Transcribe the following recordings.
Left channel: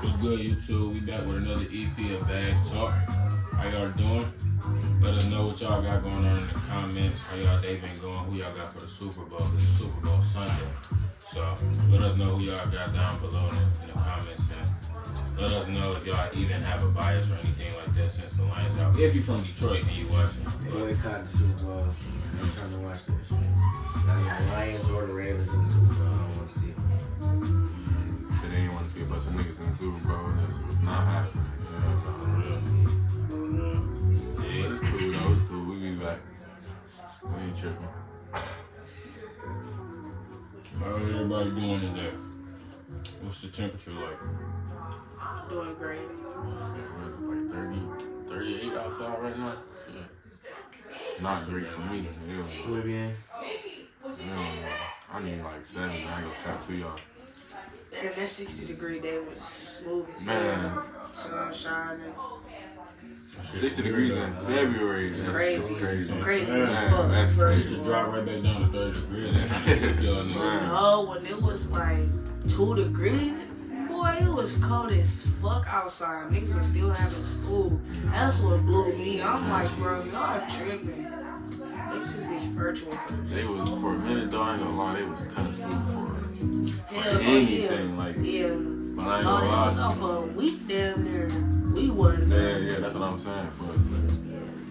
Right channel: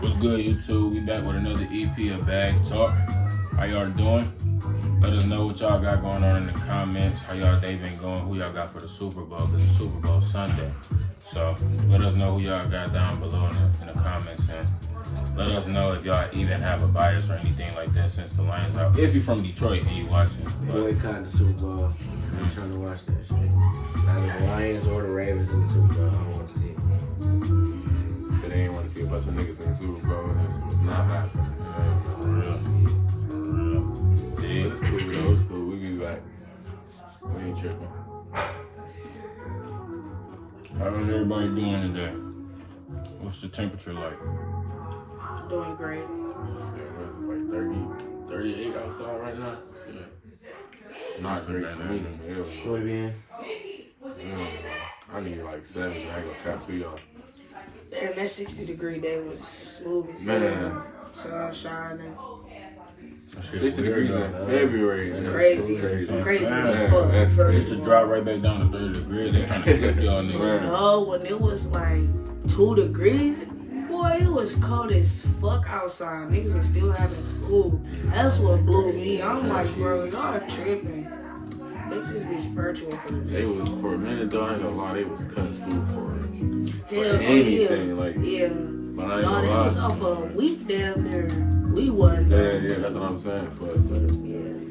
What's good, YouTube? We back with another EP of Bag Talk. How y'all doing? Let us know what y'all got going on in the comments. How y'all day been going? Who y'all got for the Super Bowl? Because it's Super Bowl Sunday. So let us know who y'all got down below in the comments. And let us know if y'all even have a bias or anything like that since the Lions out. If you're from Detroit and you watching. Boycott the Super Bowl. I'm trying to watch that shit. Not the Lions or the Ravens in the Super Bowl. I don't want to see it. Said they didn't want to see a bunch of niggas in the Super Bowl. It's not happening. For real. Yeah, it's cool though. It's cool. We be back. We ain't tripping. How is everybody doing today? What's the temperature like? Doing great. Like 38 outside right now. Shit. Not great for me. Estoy bien. I need like 70. I ain't gonna cap to y'all. And that 60-degree day was smooth as Man. hell. Sun shining. 60 degrees in February. It's crazy. It's crazy as Man, fuck. that's First It's to of drop all. right back down to 30 degrees. They're trying to kick y'all niggas. No, when it was like 2 degrees, boy, it was cold as fuck outside. Niggas are still having school. That's what blew me. I'm like, bro, y'all tripping. Make this bitch virtual for the They was, for a minute though, I ain't gonna lie, they was cutting school for hell. anything. Like, Yeah. but I ain't No, gonna they lie. was off for a week damn near. We wasn't. Yeah, that's what I'm saying. But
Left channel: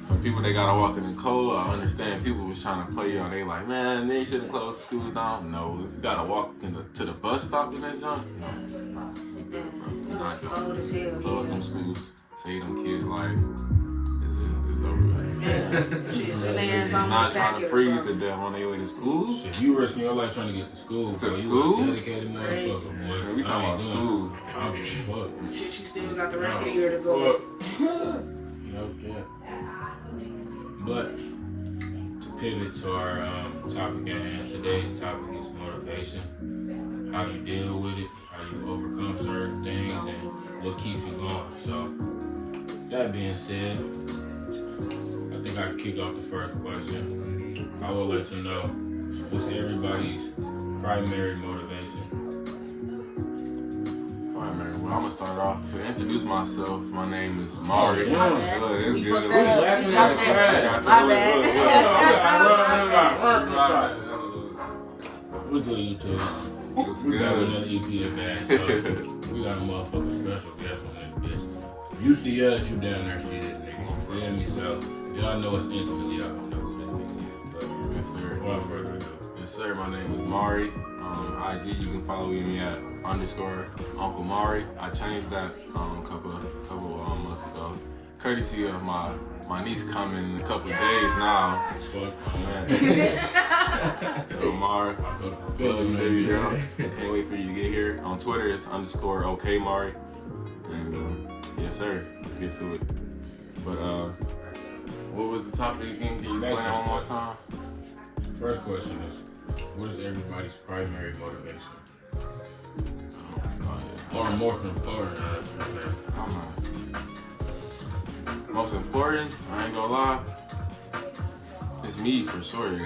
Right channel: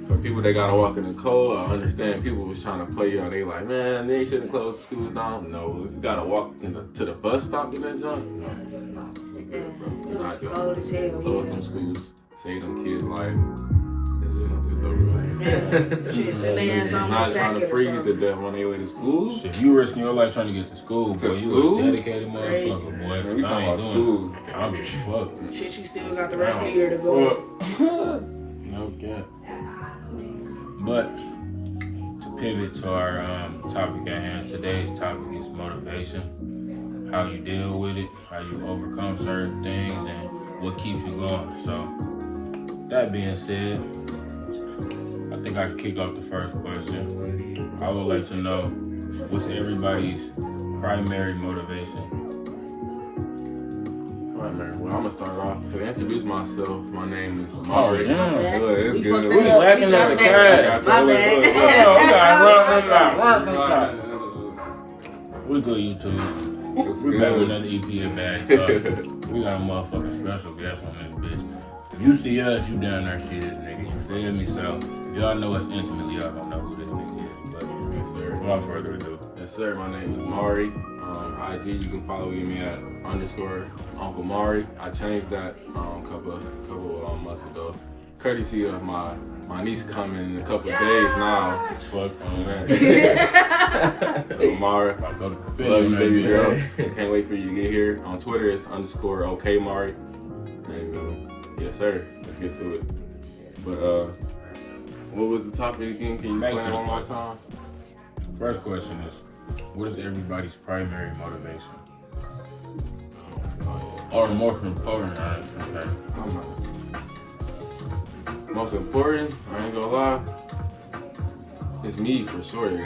for people that gotta walk in the cold, I understand people was trying to play y'all. They like, man, they shouldn't close the schools down. No, if you gotta walk to the bus stop in that junk, no. We good, bro. It was Not cold as hell. close Yeah. them schools, save them kids' life. It's over with. Yeah. Shit, send their ass on Not the trying to packet or freeze to something. death on their way to school. Shit, you risking your life trying to get to school. To boy. school? You a dedicated Crazy. motherfucker, boy. Man, we talking about school. I don't give a fuck. Shit, you still got the rest of the year to go. No cap. But to pivot to our topic at hand, today's topic is motivation. How you deal with it, how you overcome certain things, and what keeps you going. So, that being said, I think I can kick off the first question. I would like to know what's everybody's primary motivation. Alright, man. Well, I'm gonna start off. To introduce myself, my name is Mari. yeah. My bad. Look, it's We good. fucked We that up. laughing We at dropped the that. crowd. My Look, bad. look, We gotta My run from bad. top. We good, YouTube. Looks We got good. another EP of Bag Talk. We got a motherfucking special guest on this bitch. You see us, you down there see this nigga. You feel me? So if y'all know us intimately, y'all gonna know who this nigga is. But Yes, sir. without further ado, Yes, sir. My name is Mari. IG, you can follow me at _Uncle Mari. I changed that a couple months ago, courtesy of my niece coming in a couple of days now. fuck So Mari, I go to love you, baby girl. girl. Can't wait for you to get here. On Twitter, it's _OK Mari. And yes, sir. Let's get to it. But what was the topic again? Can you Back explain to one the more question. time? First question is, what is everybody's primary motivation? Or most important, honestly. I'm not. Most important, I ain't gonna lie, it's me for sure. It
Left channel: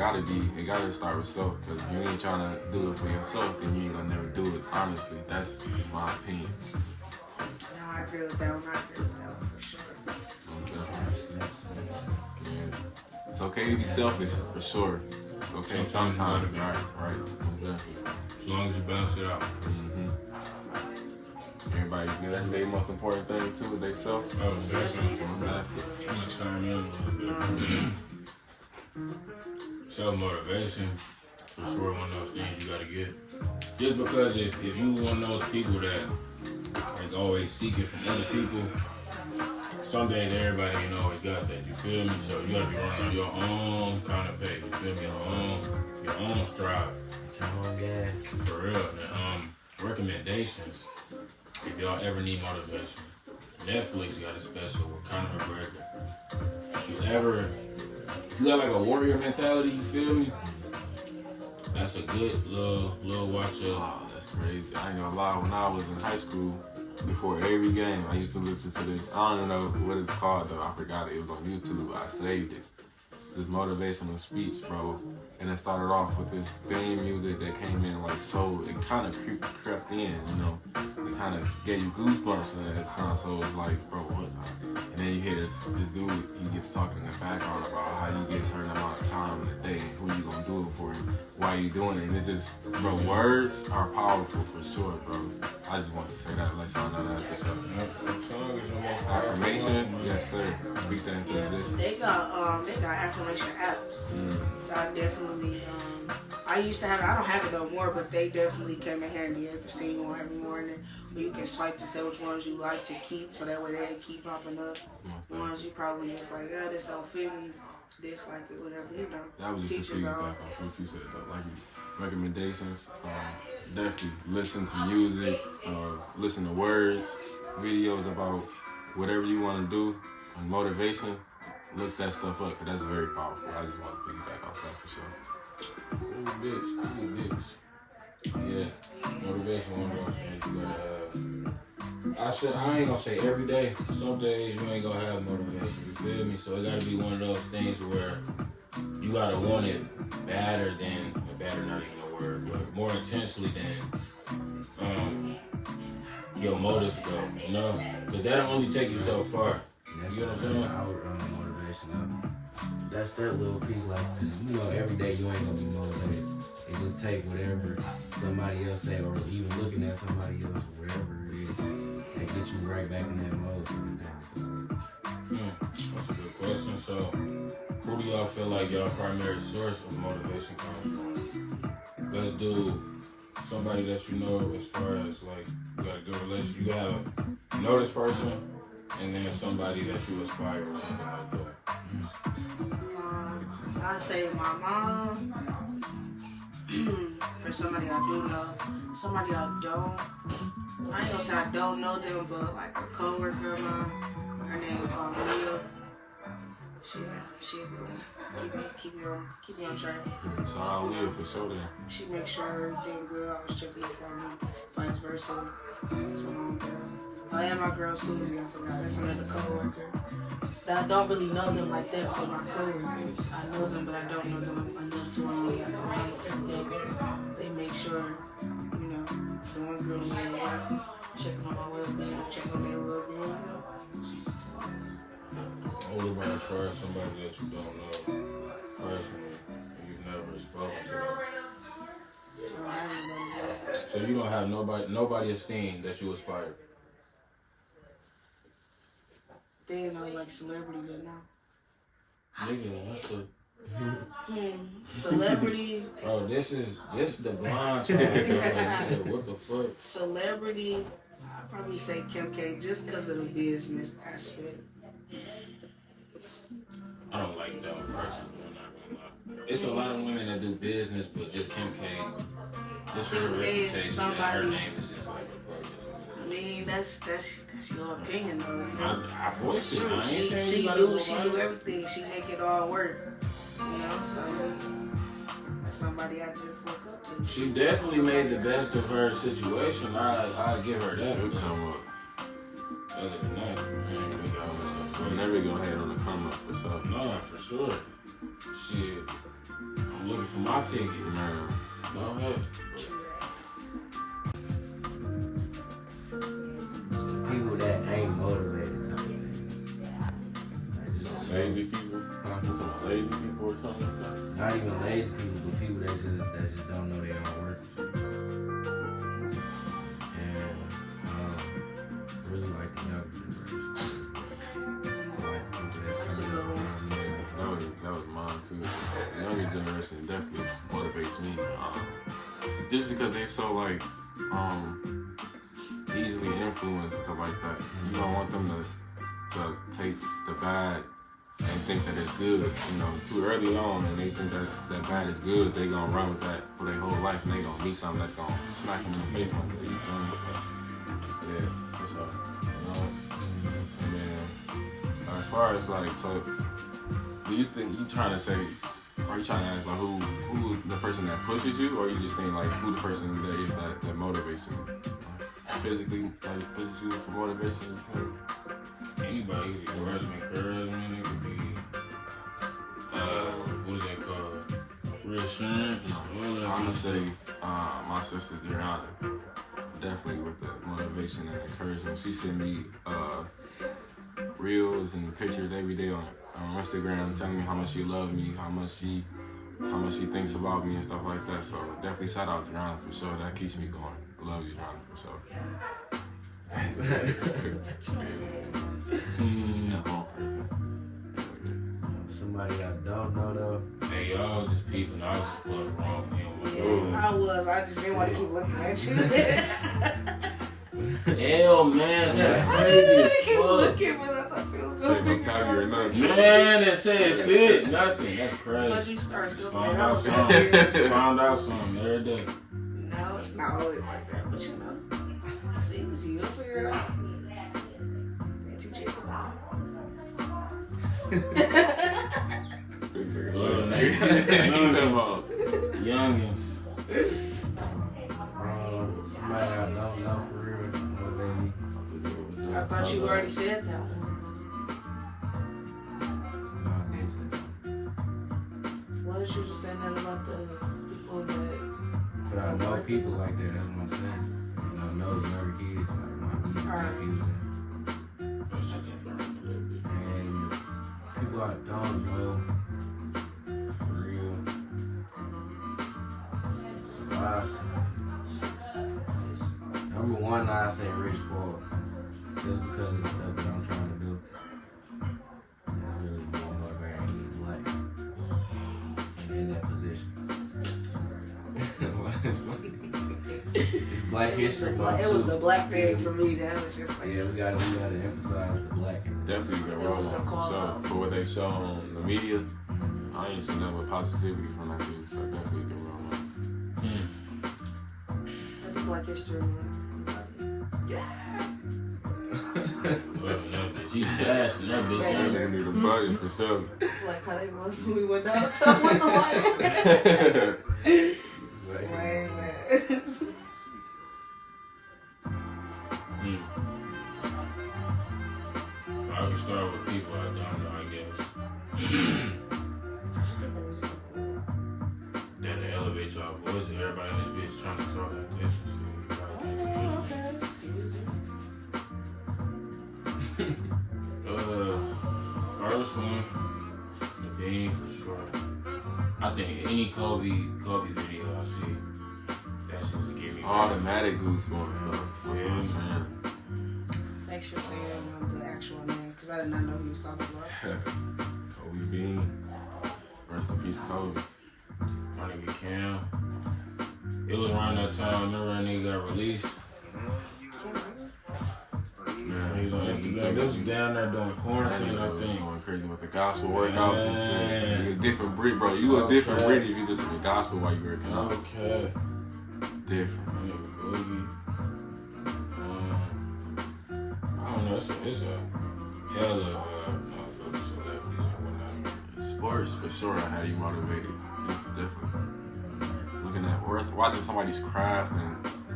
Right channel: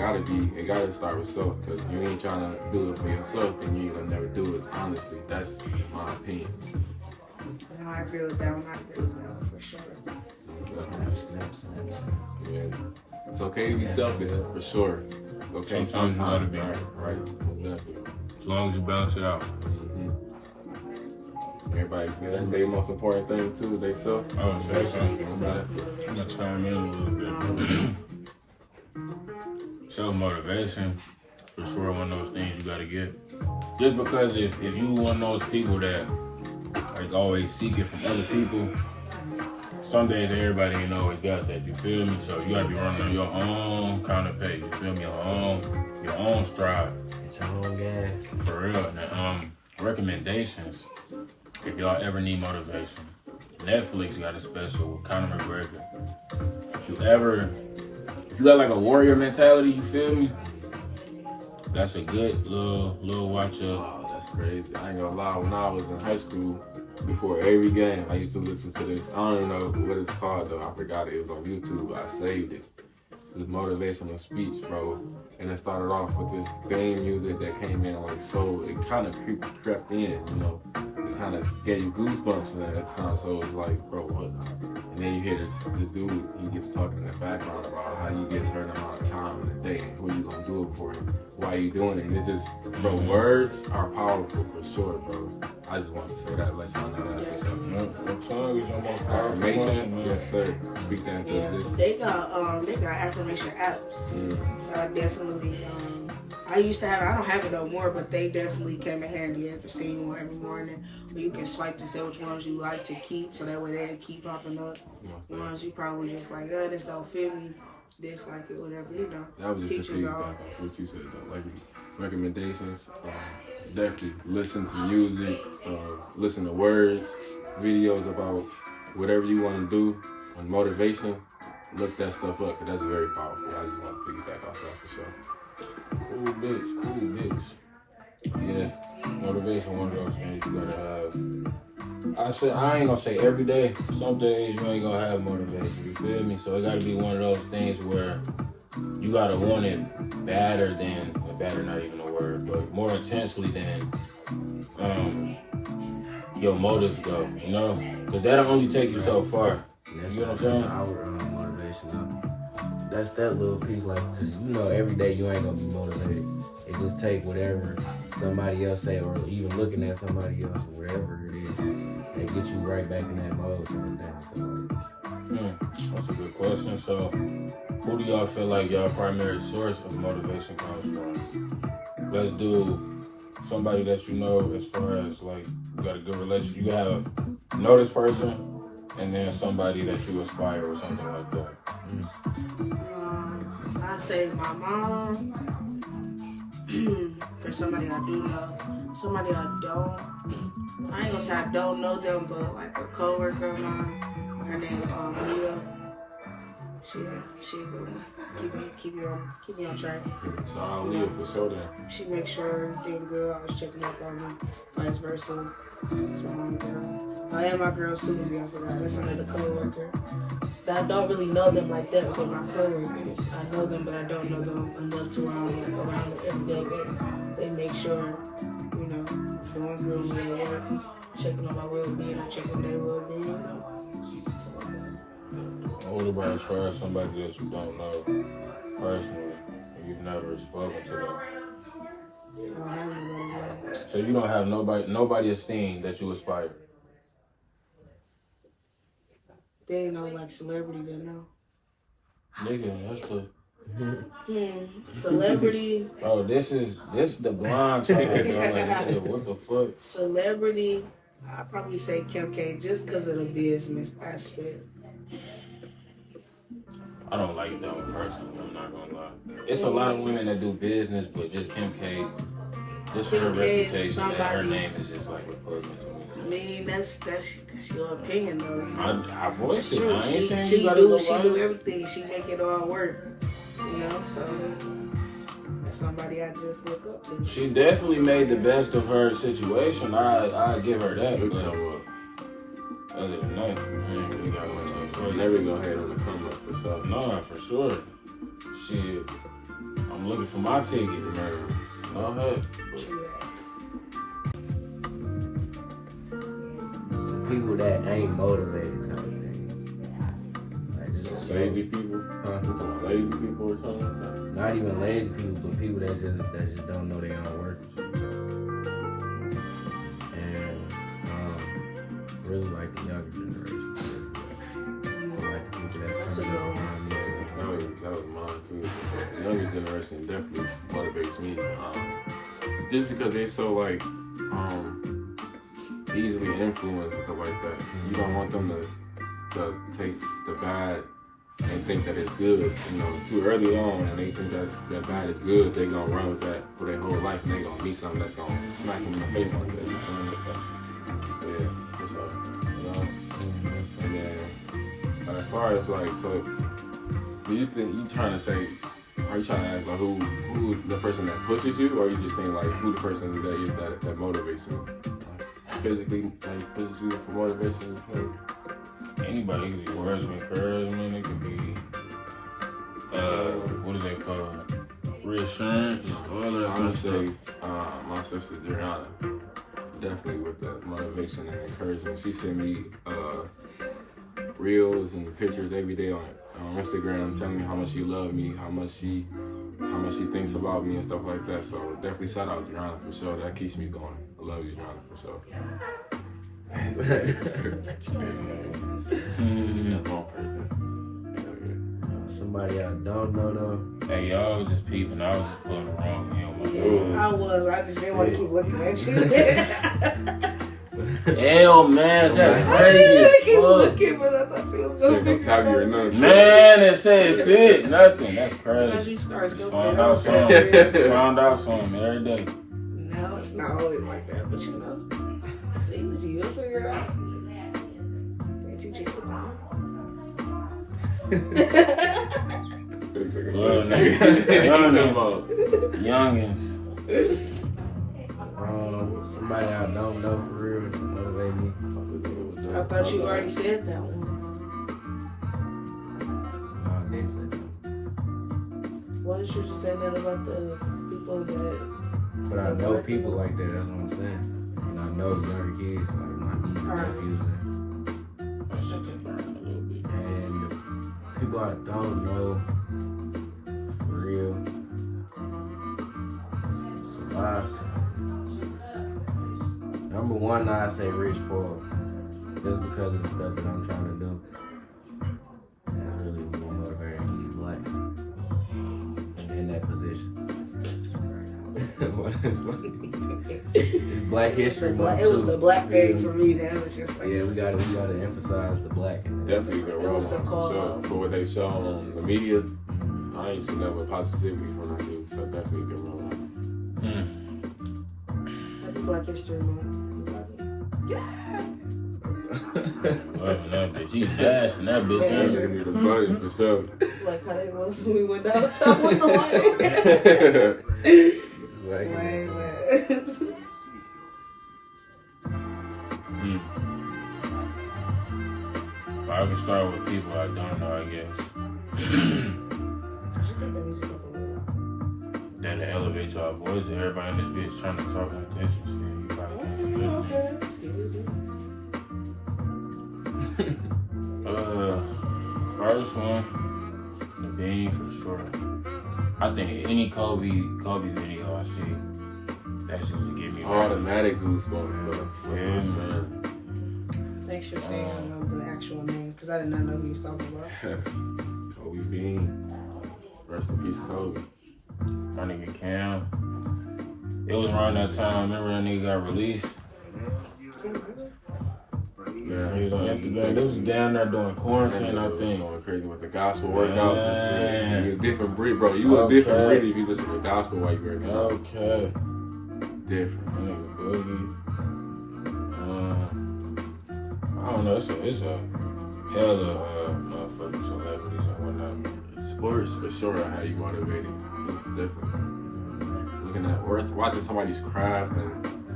gotta start with self. Cause if you ain't trying to do it for yourself, then you gonna never do it. Honestly, that's my opinion. No, I agree with that one. I agree with that one for sure. Yeah. It's okay to be selfish for sure. Okay, Sometimes you gotta sometimes, be. right? Exactly. As long as you balance it out. Mm-hmm. Everybody, that's their most important thing too. They self. Oh, say Especially something. the I'm self-motivation. I'm gonna chime in a little bit. Self-motivation, for sure, one of those things you gotta get. Just because if you one of those people that like always seek it from other people, some days everybody ain't always got that. You feel me? So you gotta be running on your own kind of pace. You feel me? Your own stride. Get your own gas. For real. And, recommendations. If y'all ever need motivation, Netflix got a special with Conor McGregor. If you got like a warrior mentality, you feel me? That's a good little watch up. Oh, that's crazy. I ain't gonna lie. When I was in high school, before every game, I used to listen to this. I don't even know what it's called though. I forgot it. It was on YouTube. I saved it. This motivational speech, bro. And it started off with this theme music that came in like so. It kind of crept in, you know. It kind of gave you goosebumps at that time. So it's like, bro, what? And then you hear this dude, he gets talking in the background about how you get a certain amount of time in the day and who you gonna do it for you, why you doing it. And it's just, bro, words are powerful for sure, bro. I just want to say that, let y'all know that episode. Your tongue is your most powerful Affirmation, muscle, yes sir. Speak that into existence. They got affirmation apps. Definitely. I used to have it. I don't have it no more, but they definitely came in handy. I've seen one every morning where you can swipe to say which ones you like to keep, so that way they keep popping up. The ones you probably just like, this don't fit me, dislike it, whatever, you know. That was just a Teachers feedback are. on what you said though. Like recommendations, definitely listen to music, listen to words, videos about whatever you want to do, on motivation. Look that stuff up, because that's very powerful. I just want to piggyback off that for sure. Cool bitch. Yeah, motivation, one of those things you gotta have. I ain't gonna say every day. Some days you ain't gonna have motivation, you feel me? So it gotta be one of those things where you gotta want it badder not even a word, but more intensely than your motives go, you know? Because that'll only take you so far. That's You know what I'm that's saying? our motivation though. That's that little piece, like, cause you know every day you ain't gonna be motivated. It just take whatever somebody else say, or even looking at somebody else, or whatever it is, they get you right back in that mode sort of thing. So That's a good question. So, who do y'all feel like y'all primary source of motivation comes from? Let's do somebody that you know, as far as like you got a good relationship. You know this person, and then somebody that you aspire or something like that. I say my mom. For somebody I do know, somebody I don't. I ain't gonna say I don't know them, but like a coworker of mine, her name Mia. She a good one. Keep me on track. So I'll leave for sure then. She makes sure everything good. Always checking up on me. Vice versa. It's my own girl. I am my girl Susie. I forgot. That's another coworker. I don't really know them like that, but my coworkers, I know them, but I don't know them enough to where I'm like around them every day. But they make sure, you know, doing good when they work, checking on my well-being, I'm checking on their well-being, you know. What about as far as somebody that you don't know personally and you've never spoken to them? I don't have nobody there. So you don't have nobody esteemed that you aspire. They ain't no like celebrity, but no. Nigga, that's the. Celebrity. Oh, this is the blind side. Like, what the fuck? Celebrity. I'd probably say Kim K just because of the business aspect. I don't like that one personally. I'm not gonna lie. It's a lot of women that do business, but just Kim K. Just for her Kim K is reputation, and her somebody- name is just like repugnant to me. I mean, that's your opinion though. You know? I voiced it. True. I ain't She saying you gotta go do viral. everything. She make it all work. You know, so that's somebody I just look up to. She definitely made the best of her situation. I give her that. It'll But come up. other than that, I ain't really got much to So say. never go ahead on the come up for sure. No, for sure. Shit, I'm looking for my ticket. Man, No heck. people that ain't motivated type thing. Like just lazy people. Huh? You talking about lazy people or something? Not even lazy people, but people that just don't know their own worth. And really like the younger generation. So like the people that's That's a coming good up one. around me. That was mine too. The younger generation definitely motivates me. Just because they're so like easily influenced and stuff like that. You don't want them to take the bad and think that it's good, you know, too early on, and they think that bad is good. They gonna run with that for their whole life, and they gonna meet something that's gonna smack them in the face like that. You feel me? Yeah, what's up? You know. And then as far as like, so do you think you trying to say? Are you trying to ask like who the person that pushes you, or you just think like who the person that is that motivates you? Physically, like pushes you for motivation. You feel me? Anybody, it could be words of encouragement, it could be, what is that called? Reassurance, all that I'm kind gonna of say stuff. my sister Gianna. definitely with the motivation and encouragement. She sent me reels and pictures every day on Instagram, telling me how much she loved me, how much she thinks about me and stuff like that. So definitely shout out to Joanna for sure. That keeps me going. I love you, Joanna, for sure. That's one person. Somebody I don't know though. Hey, y'all was just peeping. I was just pulling the wrong man on my I was. I just didn't want to keep looking at you. Hell, man, that's I crazy. didn't keep Fuck. looking, but I thought you was going to Shit, figure your it out. name. Man, it said shit, nothing. That's Because crazy. you start scoping Found it out out. something. Found out something every day. No, it's not always like that, but you know, it's easy. You'll figure it out. They teach you Youngins. Somebody I don't know for real to motivate me. I thought you already said that one. No, I didn't say that. Why didn't you just say that about the people that... But I know people like that, that's what I'm saying. And I know younger kids, like my nieces and nephews. And the people I don't know, for real, number one, I say Rich Paul, just because of the stuff that I'm trying to do. That's really being motivating. He's black and in that position. It's Black History Month It was too. the black thing Yeah. for me. That was just like... Yeah, we gotta emphasize the black in this. Definitely good It role was the model, call for sure. out. For what they show on the media, I ain't seen nothing but positivity from that dude. So definitely a good role model. Happy Black History Month. Loving that bitch. He dashing that bitch. That nigga need a button for sure. Like how they was when we went down the top with the light. Like, Wait. Well, I can start with people I don't know, I guess. Then to elevate y'all voice, everybody in this bitch trying to talk and attention. So you probably can't hear me. Okay. Excuse me. First one, the Bean for sure. I think any Kobe video I see, that shit just give me Automatic goosebumps. Yeah. Thanks for saying the actual name, because I did not know who you was talking about. Kobe Bean. Rest in peace, Kobe. My nigga Cam. It was around that time. I remember that nigga got released. Yeah, He was on Instagram. This was down there during quarantine, I think. Going crazy with the gospel workouts and shit. Yeah. You a different breed, bro. You a different breed if you listen to gospel while you working out. Okay. Different. My nigga Boogie. I don't know. It's a hell of motherfucking celebrities and whatnot. Sports for sure. How you motivated? It's different. Looking at or watching somebody's craft and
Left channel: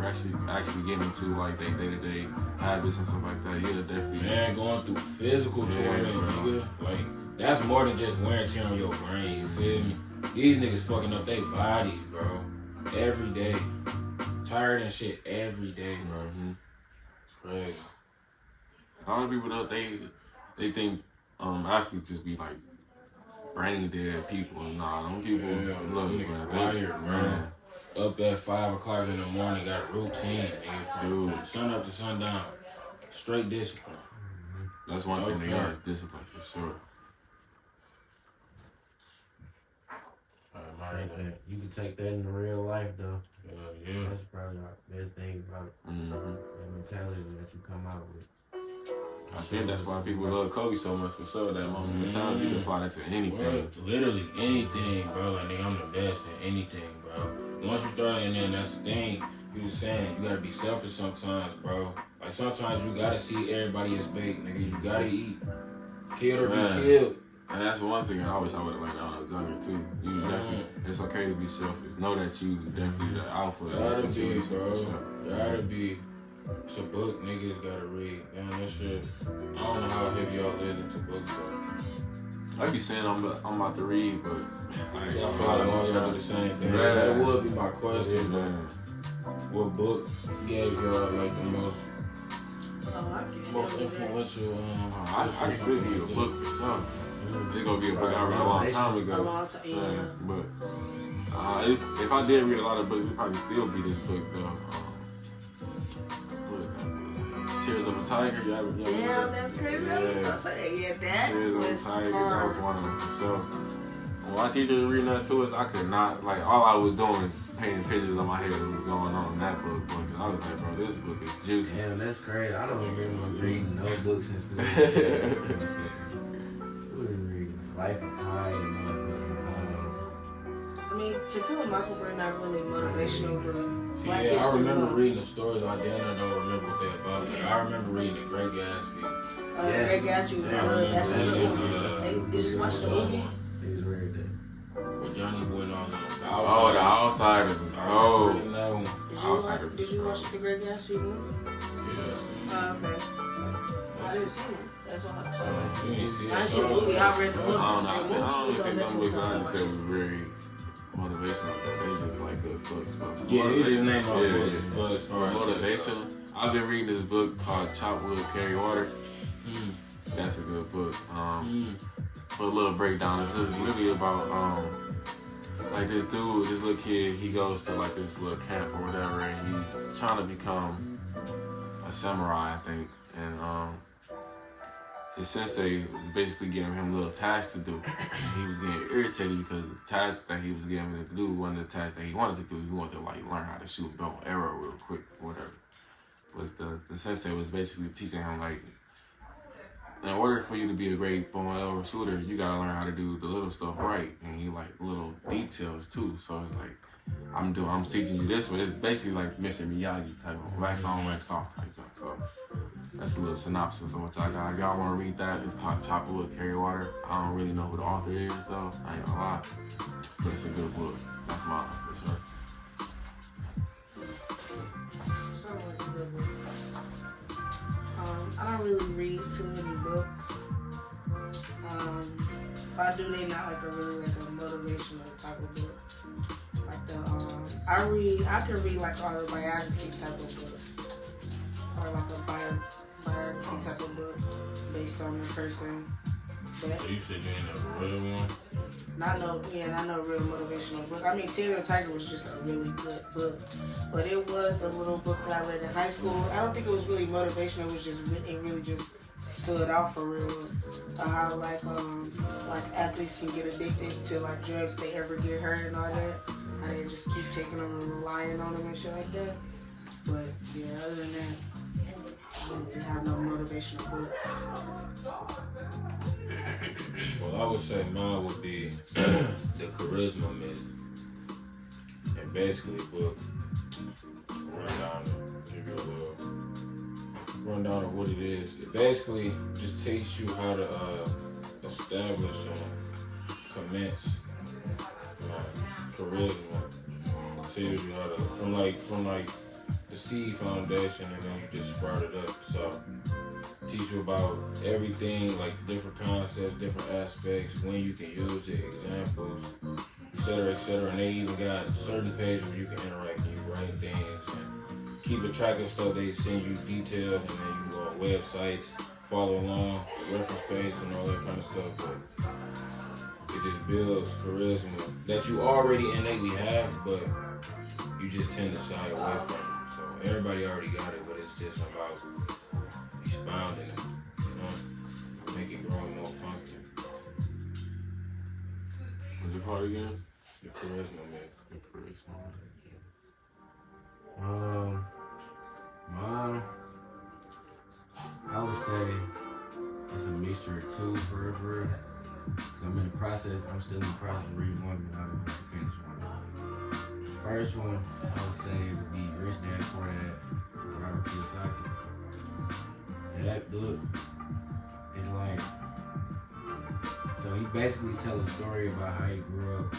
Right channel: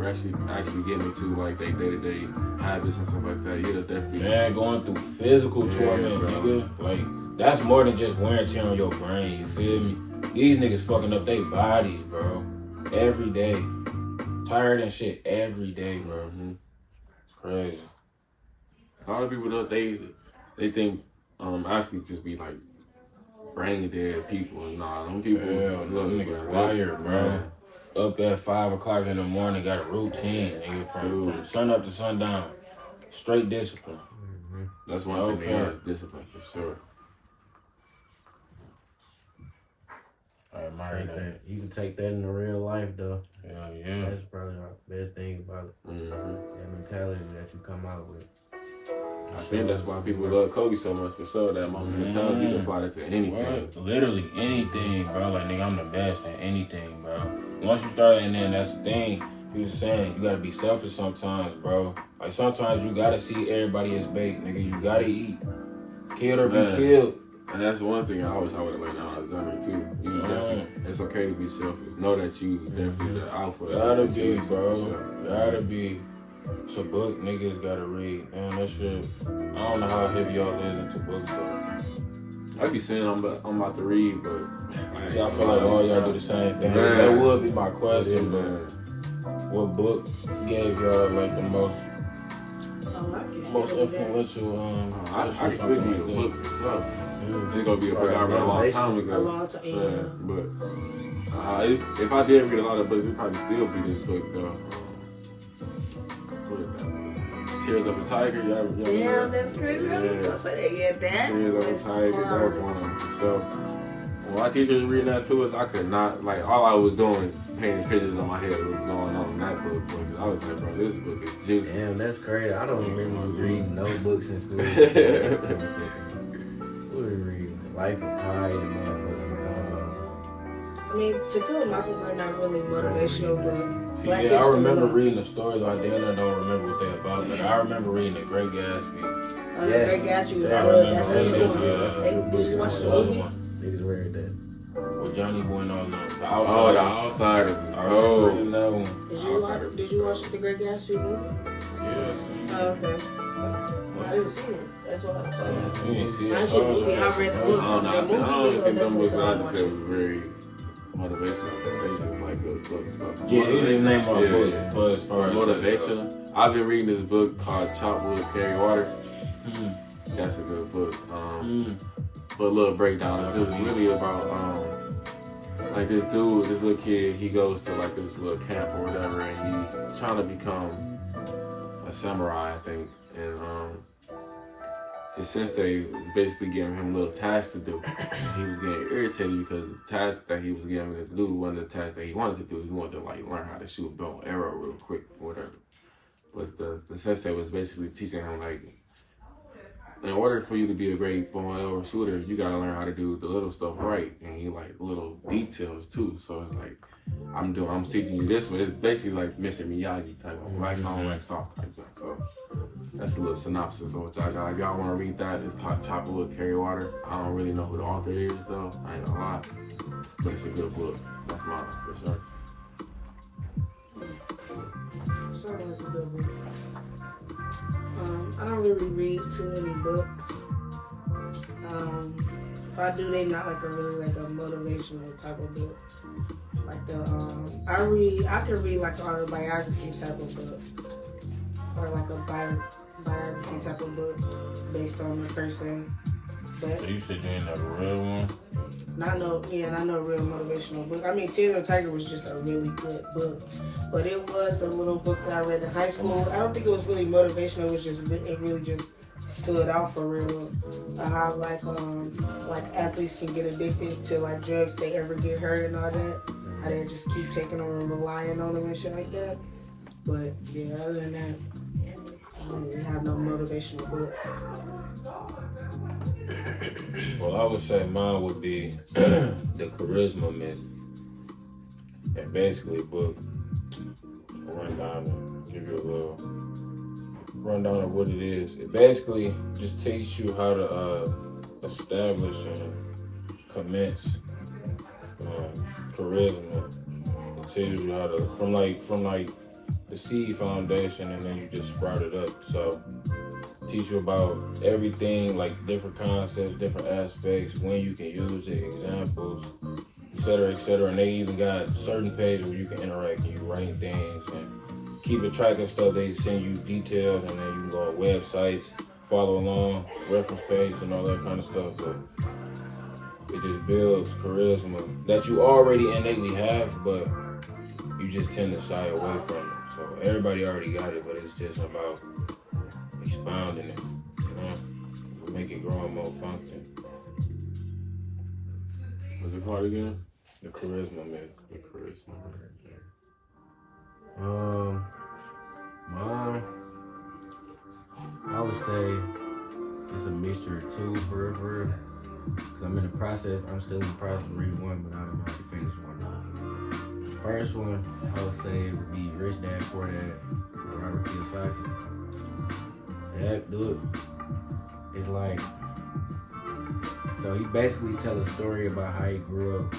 actually getting into like their day-to-day habits and stuff like that. You're definitely Man, going through physical torment, bro. nigga. Like, that's more than just wear and tear on your brain, you feel me? These niggas fucking up their bodies, bro. Every day. Tired and shit every day, bro. It's crazy. a lot of people though they think athletes just be like brain dead people. Nah, them people look niggas wired, bro. Up at 5 o'clock in the morning, got a routine, nigga, from sun up to sundown. Straight discipline. That's one thing they are, is discipline for sure. You can take that into real life though. Yeah. That's probably the best thing about it. That mentality that you come out with. I think that's why people love Kobe so much for sure. That moment in time, you can apply it to anything. What? Literally anything, bro. Like, nigga, I'm the best at anything, bro. Once you start, and then that's the thing. You was saying you gotta be selfish sometimes, bro. Like, sometimes you gotta see everybody as bait, nigga. You gotta eat. Killed or be killed. And that's one thing I wish I would have learned when I was younger too. You definitely, it's okay to be selfish. Know that you definitely the alpha. Gotta be, situation, bro. sure. Gotta be. It's a book niggas gotta read. Man, that shit. I don't know how heavy y'all is into books, though. I be saying I'm about to read, but See, I feel like all y'all do the same thing. That would be my question, man. what book gave y'all like the most Oh, I can still do that. influential? I can still give you a book for sure. It's gonna be a book I read a long time ago. A long time, yeah. But if I did read a lot of books, it'd probably still be this book though. What is that book? Tears of a Tiger. Damn, that's crazy. I was gonna say that. Yeah, that Tears of was a Tiger. That was hard. one of them. So when my teacher was reading that to us, I could not, like, all I was doing was painting pictures in my head of what's going on in that book. But I was like, bro, this book is juicy. Damn, that's crazy. I don't remember reading no books in school. What did we read? Life of Pi and motherfucking. I mean, To Kill a Mockingbird not really motivational, but Black I History remember Month. reading the stories. I damn near don't remember what they about, but I remember reading The Great Gatsby. Yes. Great Gatsby was Yeah, I good. remember That's that. a good one. Yeah, that's a good book. Did you watch the movie? Niggas read that. Where Johnny went on the Oh, Outsiders. The Outsiders is I remember reading cold. that one. Did you watch the Great Gatsby movie? Yes. Oh, okay. I didn't see it. That's why I saw it. You didn't see it? I didn't see the movie. I read the book. I don't know. The I movie don't is on think them books Netflix. that I I just watched said it. was very motivational, but they just like good books. But Yeah, these are named my Yeah, books yeah. for as far For as motivation, I've been reading this book called Chop Wood, Carry Water. Mm. That's a good book. For a little breakdown, it's just really about like this dude, this little kid. He goes to like this little camp or whatever, and he's trying to become a samurai, I think. And his sensei was basically giving him little tasks to do. And he was getting irritated because the task that he was given to do wasn't the task that he wanted to do. He wanted to like learn how to shoot a bow and arrow real quick or whatever. But the sensei was basically teaching him like, in order for you to be a great bow and arrow shooter, you gotta learn how to do the little stuff right. And he like little details too. So it's like, I'm teaching you this, but it's basically like Mr. Miyagi type of wax on, wax off type thing. So that's a little synopsis of what y'all got. If y'all want to read that, it's called Chop Wood, Carry Water. I don't really know who the author is though. I ain't gonna lie, but it's a good book. That's mine for sure. Sounds like a good book. I don't really read too many books. If I do, they not like a motivational type of book. Like I can read like autobiography type of book, or like a biography type of book based on the person. But So you said you ain't never read one? not no real motivational book. I mean, Tears of a Tiger was just a really good book, but it was a little book that I read in high school. I don't think it was really motivational. It really just stood out for real. How like athletes can get addicted to like drugs if they ever get hurt and all that. How they just keep taking them and relying on them and shit like that. But yeah, other than that, I don't really have no motivational book. Well, I would say mine would be The Charisma Myth. And basically, book, run down and give you a little rundown of what it is. It basically just teaches you how to establish and commence charisma. It tells you how to from like the seed foundation, and then you just sprout it up. So teach you about everything, like different concepts, different aspects, when you can use it, examples, etc., etc. And they even got certain pages where you can interact and you write things and keep a track of stuff. They send you details, and then you go on websites, follow along, reference pages, and all that kind of stuff. But it just builds charisma that you already innately have, but you just tend to shy away from it. So everybody already got it, but it's just about expounding it, make it grow and more function. What's it called again? The Charisma Myth. The Charisma. Mine, I would say it's a mixture of two for real. I'm still in the process of reading one, but I don't know how to finish one now. The first one, I would say would be Rich Dad, Poor Dad, by Robert Kiyosaki. That dude is like, so he basically tell a story about how he grew up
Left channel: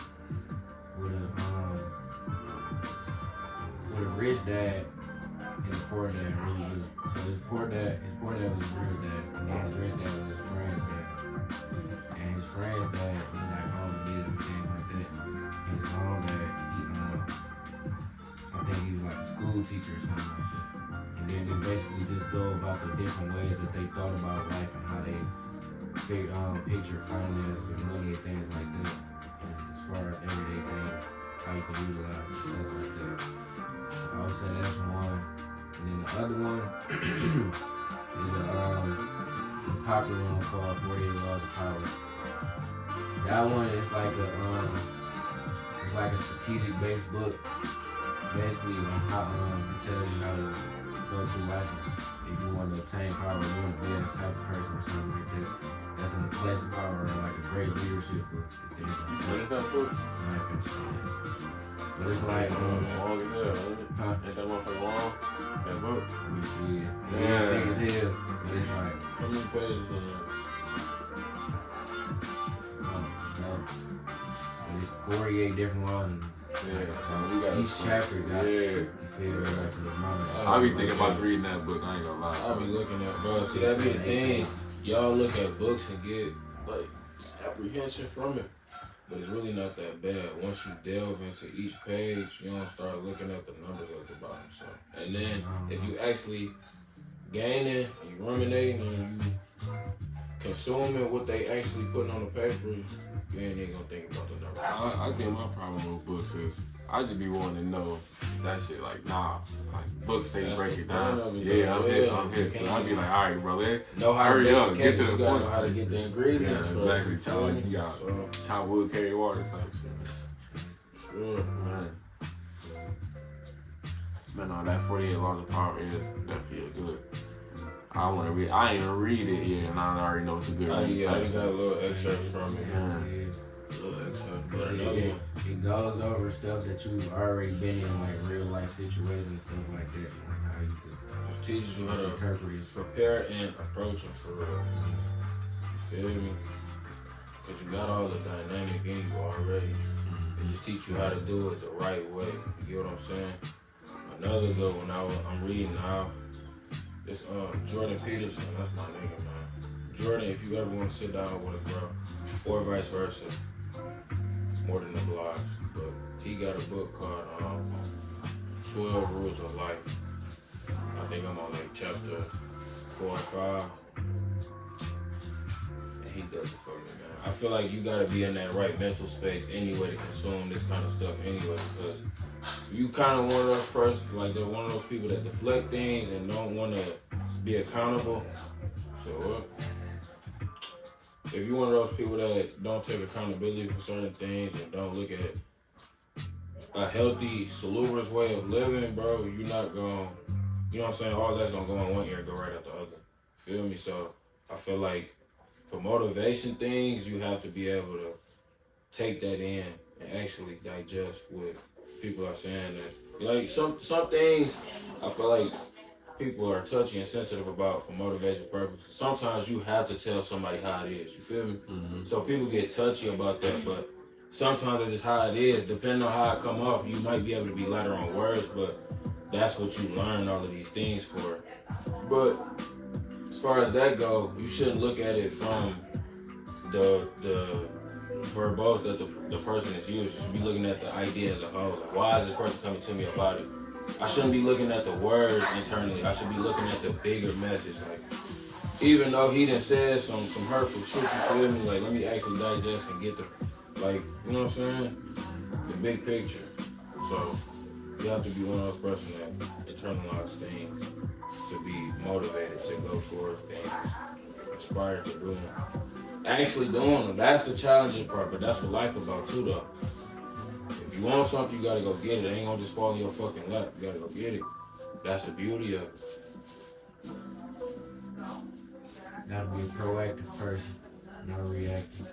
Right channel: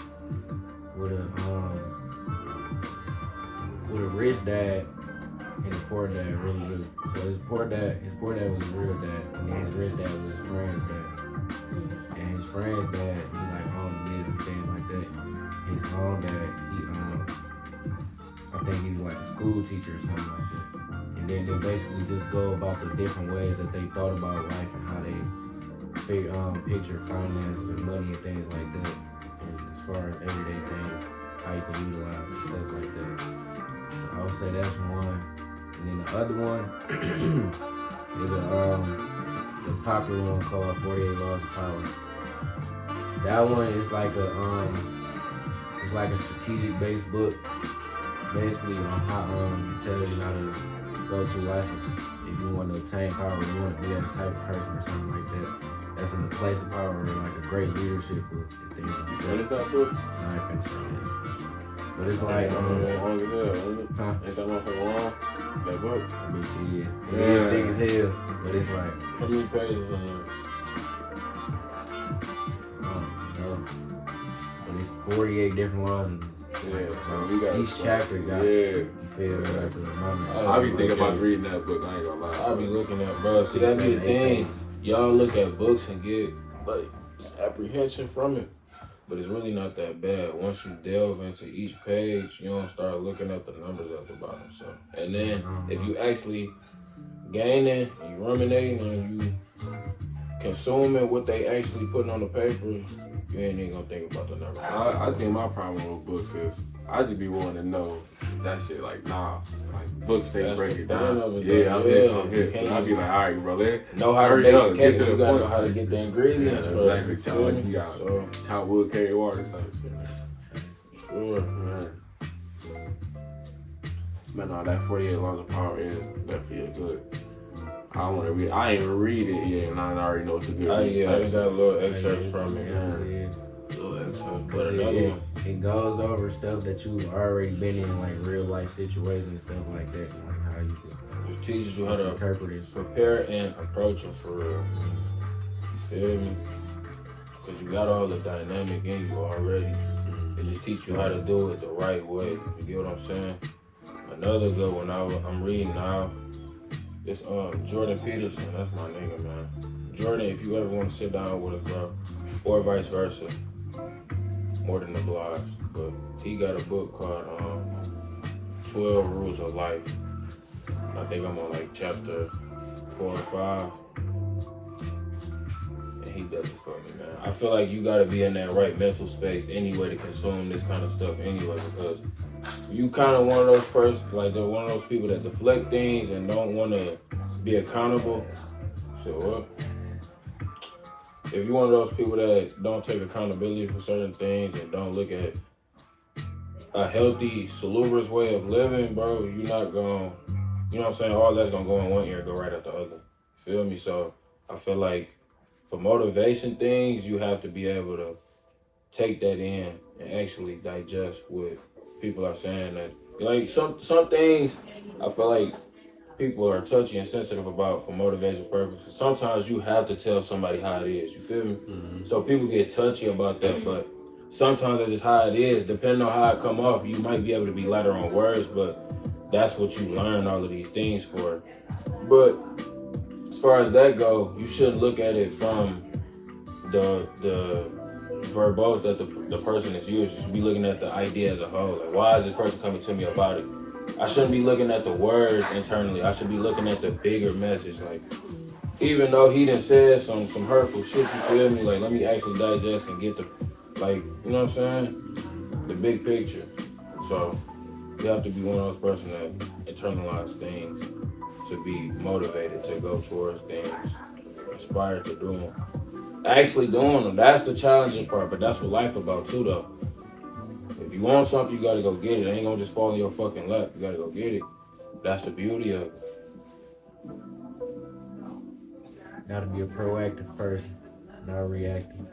with a rich dad and a poor dad, really. So his poor dad was his real dad, and then his rich dad was his friend's dad. And his friend's dad, he like owned business and things like that. His own dad, I think he was like a school teacher or something like that. And then they basically just go about the different ways that they thought about life and how they picture finances and money and things like that. And as far as everyday things, how you can utilize and stuff like that. So I would say that's one. And then the other one is a popular one called 48 Laws of Power. That one is like a strategic based book, basically on how it tells you how to go through life. If you want to obtain power, or you want to be that type of person or something like that. That's in the place of power, or like a great leadership book and things like that. What is that book? I ain't finished it yet. But it's like long as hell, isn't it? huh? Ain't that motherfucker long? That book? Let me see it. It is thick as hell, but it's like How many pages in there? no. But it's 48 different laws and You got each chapter got you feel me, like the amount of I be thinking about reading that book. I ain't gonna lie. I be looking at, bro. See, 6, that be 7, the 8 thing. pages. Y'all look at books and get like apprehension from it, but it's really not that bad. Once you delve into each page, you don't start looking at the numbers at the bottom. So, and then if you actually gaining and you ruminating and you consuming what they actually putting on the paper, you ain't even gonna think about the numbers. I think my problem with books is I just be wanting to know that shit. Like, nah, like books they That's break the it down. point of it, Yeah, I'm though. hit. Yeah, I'm you hit. can't I be like, all right, bro, Know how to hurry make up, the get cake. to the You gotta point. know how to get the ingredients. Yeah, exactly. Chop, you got So, chop wood, carry water type shit. sure. Man. But no, that 48 Laws of Power is definitely a good. I want to read. I ain't even read it yet, and I already know it's a good. Yeah, I got a little excerpts from it. Yeah, it is. Little excerpts, but Because another one. it goes over stuff that you've already been in, like real life situations and stuff like that, like how you could Just teaches you how to interpret it. prepare and approach it for real. You feel me? Because you got all the dynamic in you already. It just teach you how to do it the right way. You get what I'm saying? Another good one I'm reading now. It's Jordan Peterson. That's my nigga, man. Jordan, if you ever want to sit down with a girl, or vice versa, more than obliged. But he got a book called 12 Rules of Life. I think I'm on like chapter 4 or 5. And he does it for me, man. I feel like you gotta be in that right mental space anyway to consume this kind of stuff anyway, because you kind of one of those one of those people that deflect things and don't want to be accountable. So what? If you're one of those people that don't take accountability for certain things and don't look at a healthy, salubrious way of living, bro, you're not going, you know what I'm saying? All that's going to go in one ear and go right out the other. Feel me? So I feel like for motivation things, you have to be able to take that in and actually digest what people are saying. That, like, some things I feel like people are touchy and sensitive about for motivation purposes. Sometimes you have to tell somebody how it is. You feel me? Mm-hmm. So people get touchy about that, but sometimes that's just how it is. Depending on how it come off, you might be able to be lighter on words, but that's what you learn all of these things for. But as far as that go, you shouldn't look at it from the verbose that the person is using. You should be looking at the idea as a whole. Like, why is this person coming to me about it? I shouldn't be looking at the words internally. I should be looking at the bigger message. Like, even though he done said some hurtful shit, you feel me? Like, let me actually digest and get the, like, you know what I'm saying? The big picture. So, you have to be one of those persons that internalize things to be motivated to go towards things, inspired to do them. Actually doing them, that's the challenging part, but that's what life about too, though. If you want something, you gotta go get it. It ain't gonna just fall in your fucking lap. You gotta go get it. That's the beauty of it. Gotta be a proactive person, not reactive.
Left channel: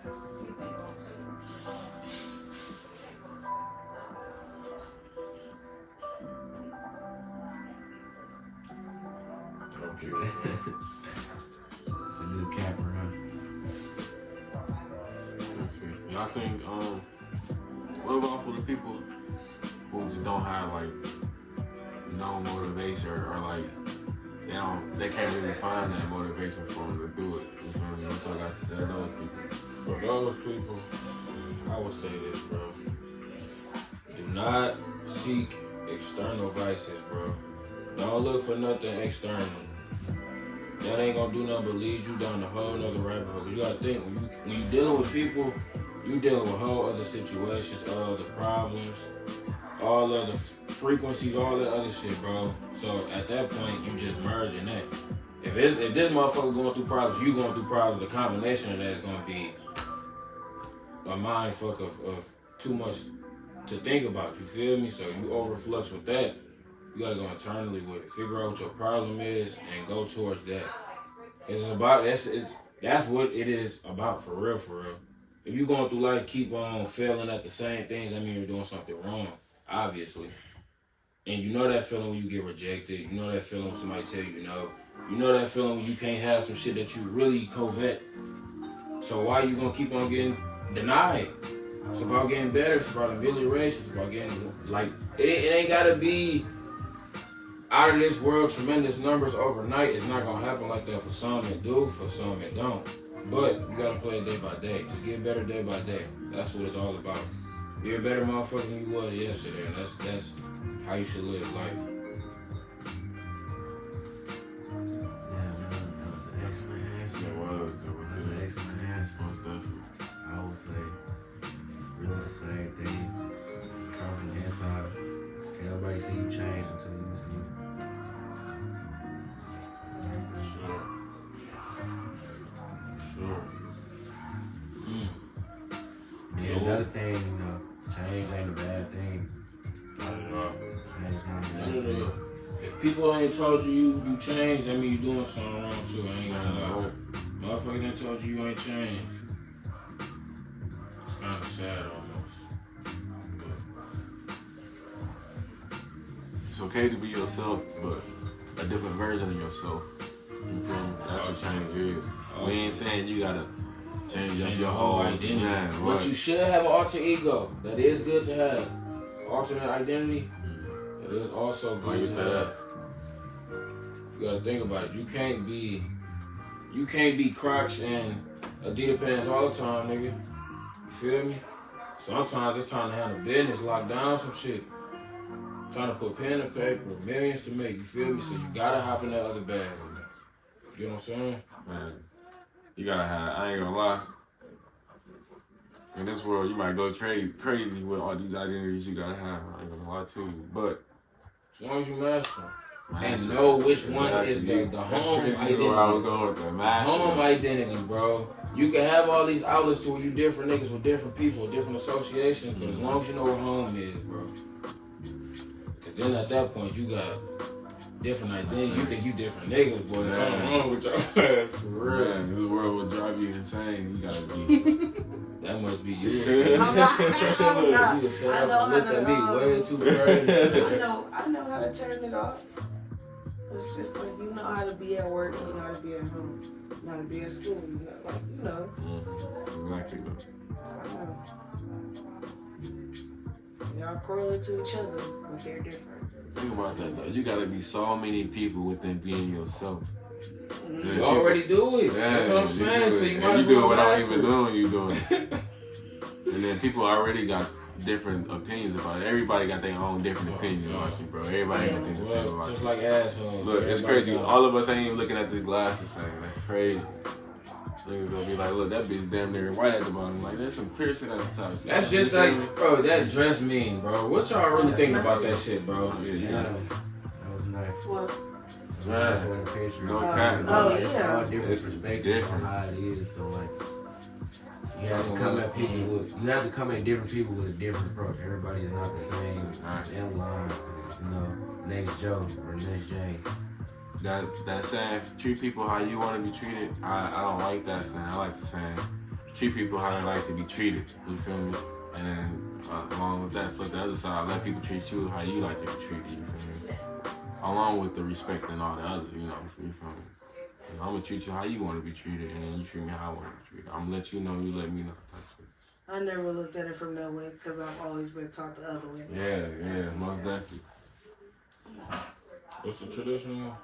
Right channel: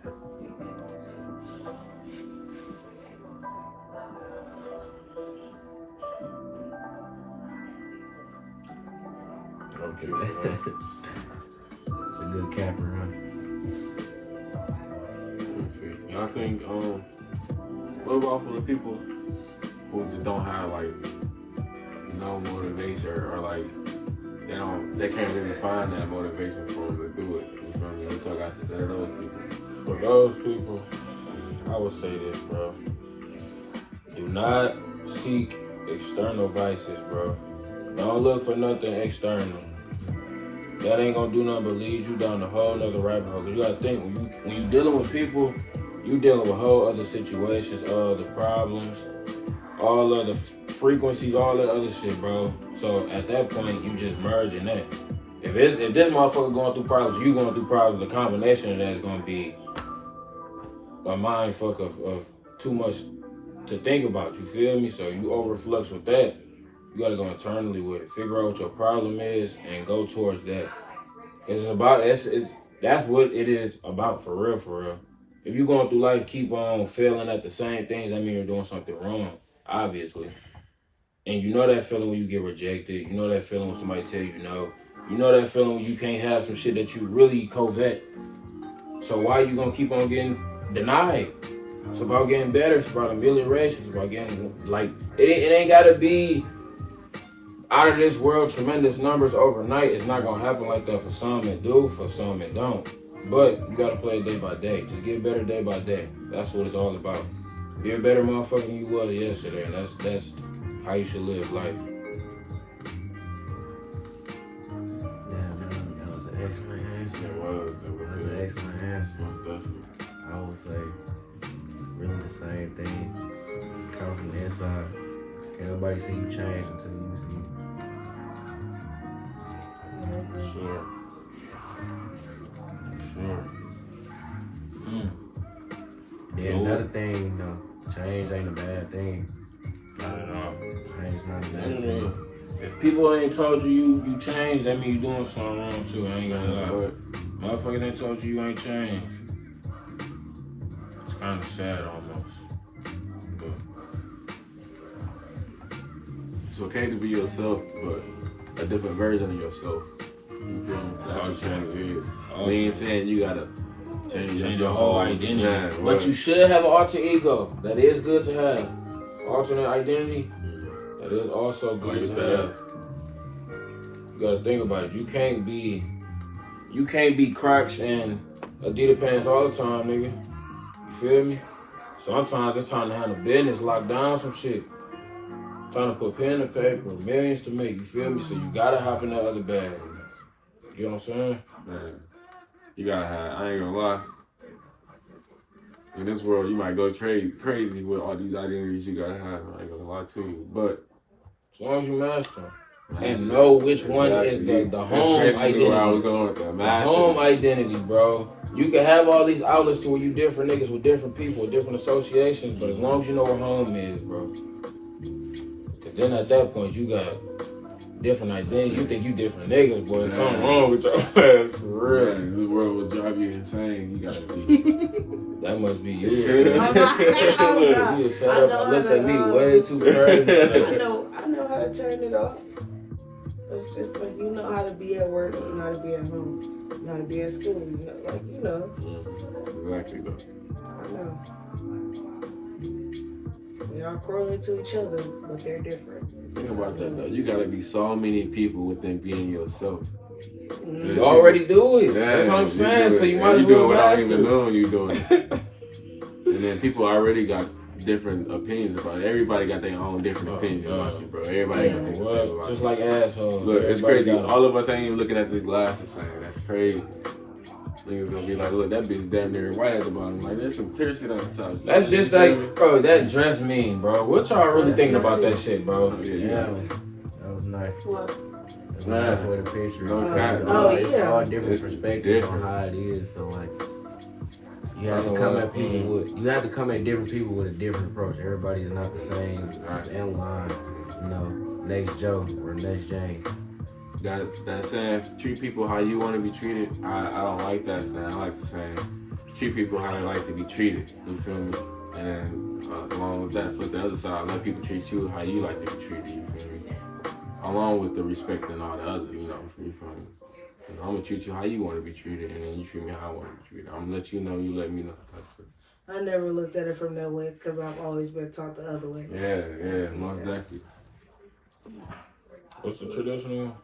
Okay. It's a good capper, huh? Let's see. Y'all think, what about for the people who just don't have like no motivation or like they can't really find that motivation for them to do it? You feel me? What y'all got to say to those people? For those people, I would say this, bro. Do not seek external vices, bro. Don't look for nothing external. That ain't gonna do nothing but lead you down a whole nother rabbit hole. Cause you gotta think, when you dealing with people, you dealing with whole other situations, all the problems, all of the frequencies, all that other shit, bro. So at that point, you just merging that. If this motherfucker going through problems, you going through problems, the combination of that is gonna be a mind fuck of too much to think about. You feel me? So you overflux with that. You gotta go internally with it. Figure out what your problem is and go towards that. That's what it is about for real, for real. If you going through life, keep on failing at the same things, that means you're doing something wrong, obviously. And you know that feeling when you get rejected. You know that feeling when somebody tell you no. You know that feeling when you can't have some shit that you really covet. So why you gonna keep on getting denied? It's about getting better. It's about amelioration. It's about getting, like, it ain't gotta be out of this world, tremendous numbers overnight. It's not gonna happen like that for some that do, for some that don't. But you gotta play it day by day. Just get better day by day. That's what it's all about. Be a better motherfucker than you was yesterday. And that's how you should live life. Yeah, that was an excellent answer. It was. That was an excellent answer. Most definitely. I would say really the same thing. Come from the inside. Can't nobody see you change until you see it. Sure. Sure. Then So, another thing, change ain't a bad thing. I don't know. Change not a I bad don't thing. know. If people ain't told you changed, that mean you doing something wrong too. I ain't gonna lie. Motherfuckers ain't told you ain't changed. It's kind of sad almost. But It's okay to be yourself, but a different version of yourself. You feel me? That's what change is. We ain't saying you gotta change your whole identity. Man, But what? you should have an alter ego. That is good to have. Alternate identity. That is also Like good you to said. have. You gotta think about it. You can't be Crocs and Adidas pants all the time, nigga. You feel me? Sometimes it's time to handle business, lock down some shit. Time to put pen to paper, millions to make, you feel me? So you gotta hop in that other bag. You know what I'm saying? Man, you gotta have, I ain't gonna lie. In this world, you might go crazy with all these identities you gotta have. I ain't gonna lie to you. But As long as you master them. And master, know which one exactly. is the That's home crazy identity. where I was going with that. The Master. home identity, bro. You can have all these outlets to where you different niggas with different people, different associations, but as long as you know where home is, bro. Cause then at that point you got different identity. You think you different niggas, boy. There's something wrong with your ass, for real. Man, this world will drive you insane. You gotta be. That must be you. I You set know up how and looked to, at me way too crazy. I know how to turn it off. It's just like you know how to be at work, you know how to be at home, you know how to be at school, you know. Exactly though. I know. Y'all correlate to each other, but they're different. Think about that though. You gotta be so many people within being yourself. You already do it. That's what I'm saying. So you might as do it well without master even it. knowing you doing it. And then people already got different opinions about it. Everybody got their own different opinions about you, bro. Everybody don't think the same about Just you. like assholes. Look, it's Everybody crazy. got- All of us ain't even looking at the glass the same. That's crazy. Niggas gonna be like, look, that bitch damn near white at the bottom. Like, there's some clear shit at the top. That's just You feel me? like, bro, that dress mean, bro. What y'all really thinking about that shit, bro? Yeah. That was nice. What? That's where the picture. No is. cap. It's yeah. all different It's perspectives different. on how it is. So like, you have to come at people with. You have to come at different people with a different approach. Everybody is not the same. It's in line. You know, next Joe or next Jane. That saying, treat people how you want to be treated. I don't like that saying. I like the saying, treat people how they like to be treated. You feel me? And then along with that, flip the other side, let people treat you how you like to be treated. You feel me? Along with the respect and all the others, you know. You feel me? You know, I'm gonna treat you how you want to be treated, and then you treat me how I want to be treated. I'm gonna let you know, you let me know. Type shit. I never looked at it from that way because I've always been taught the other way. Yeah, most definitely. What's the traditional?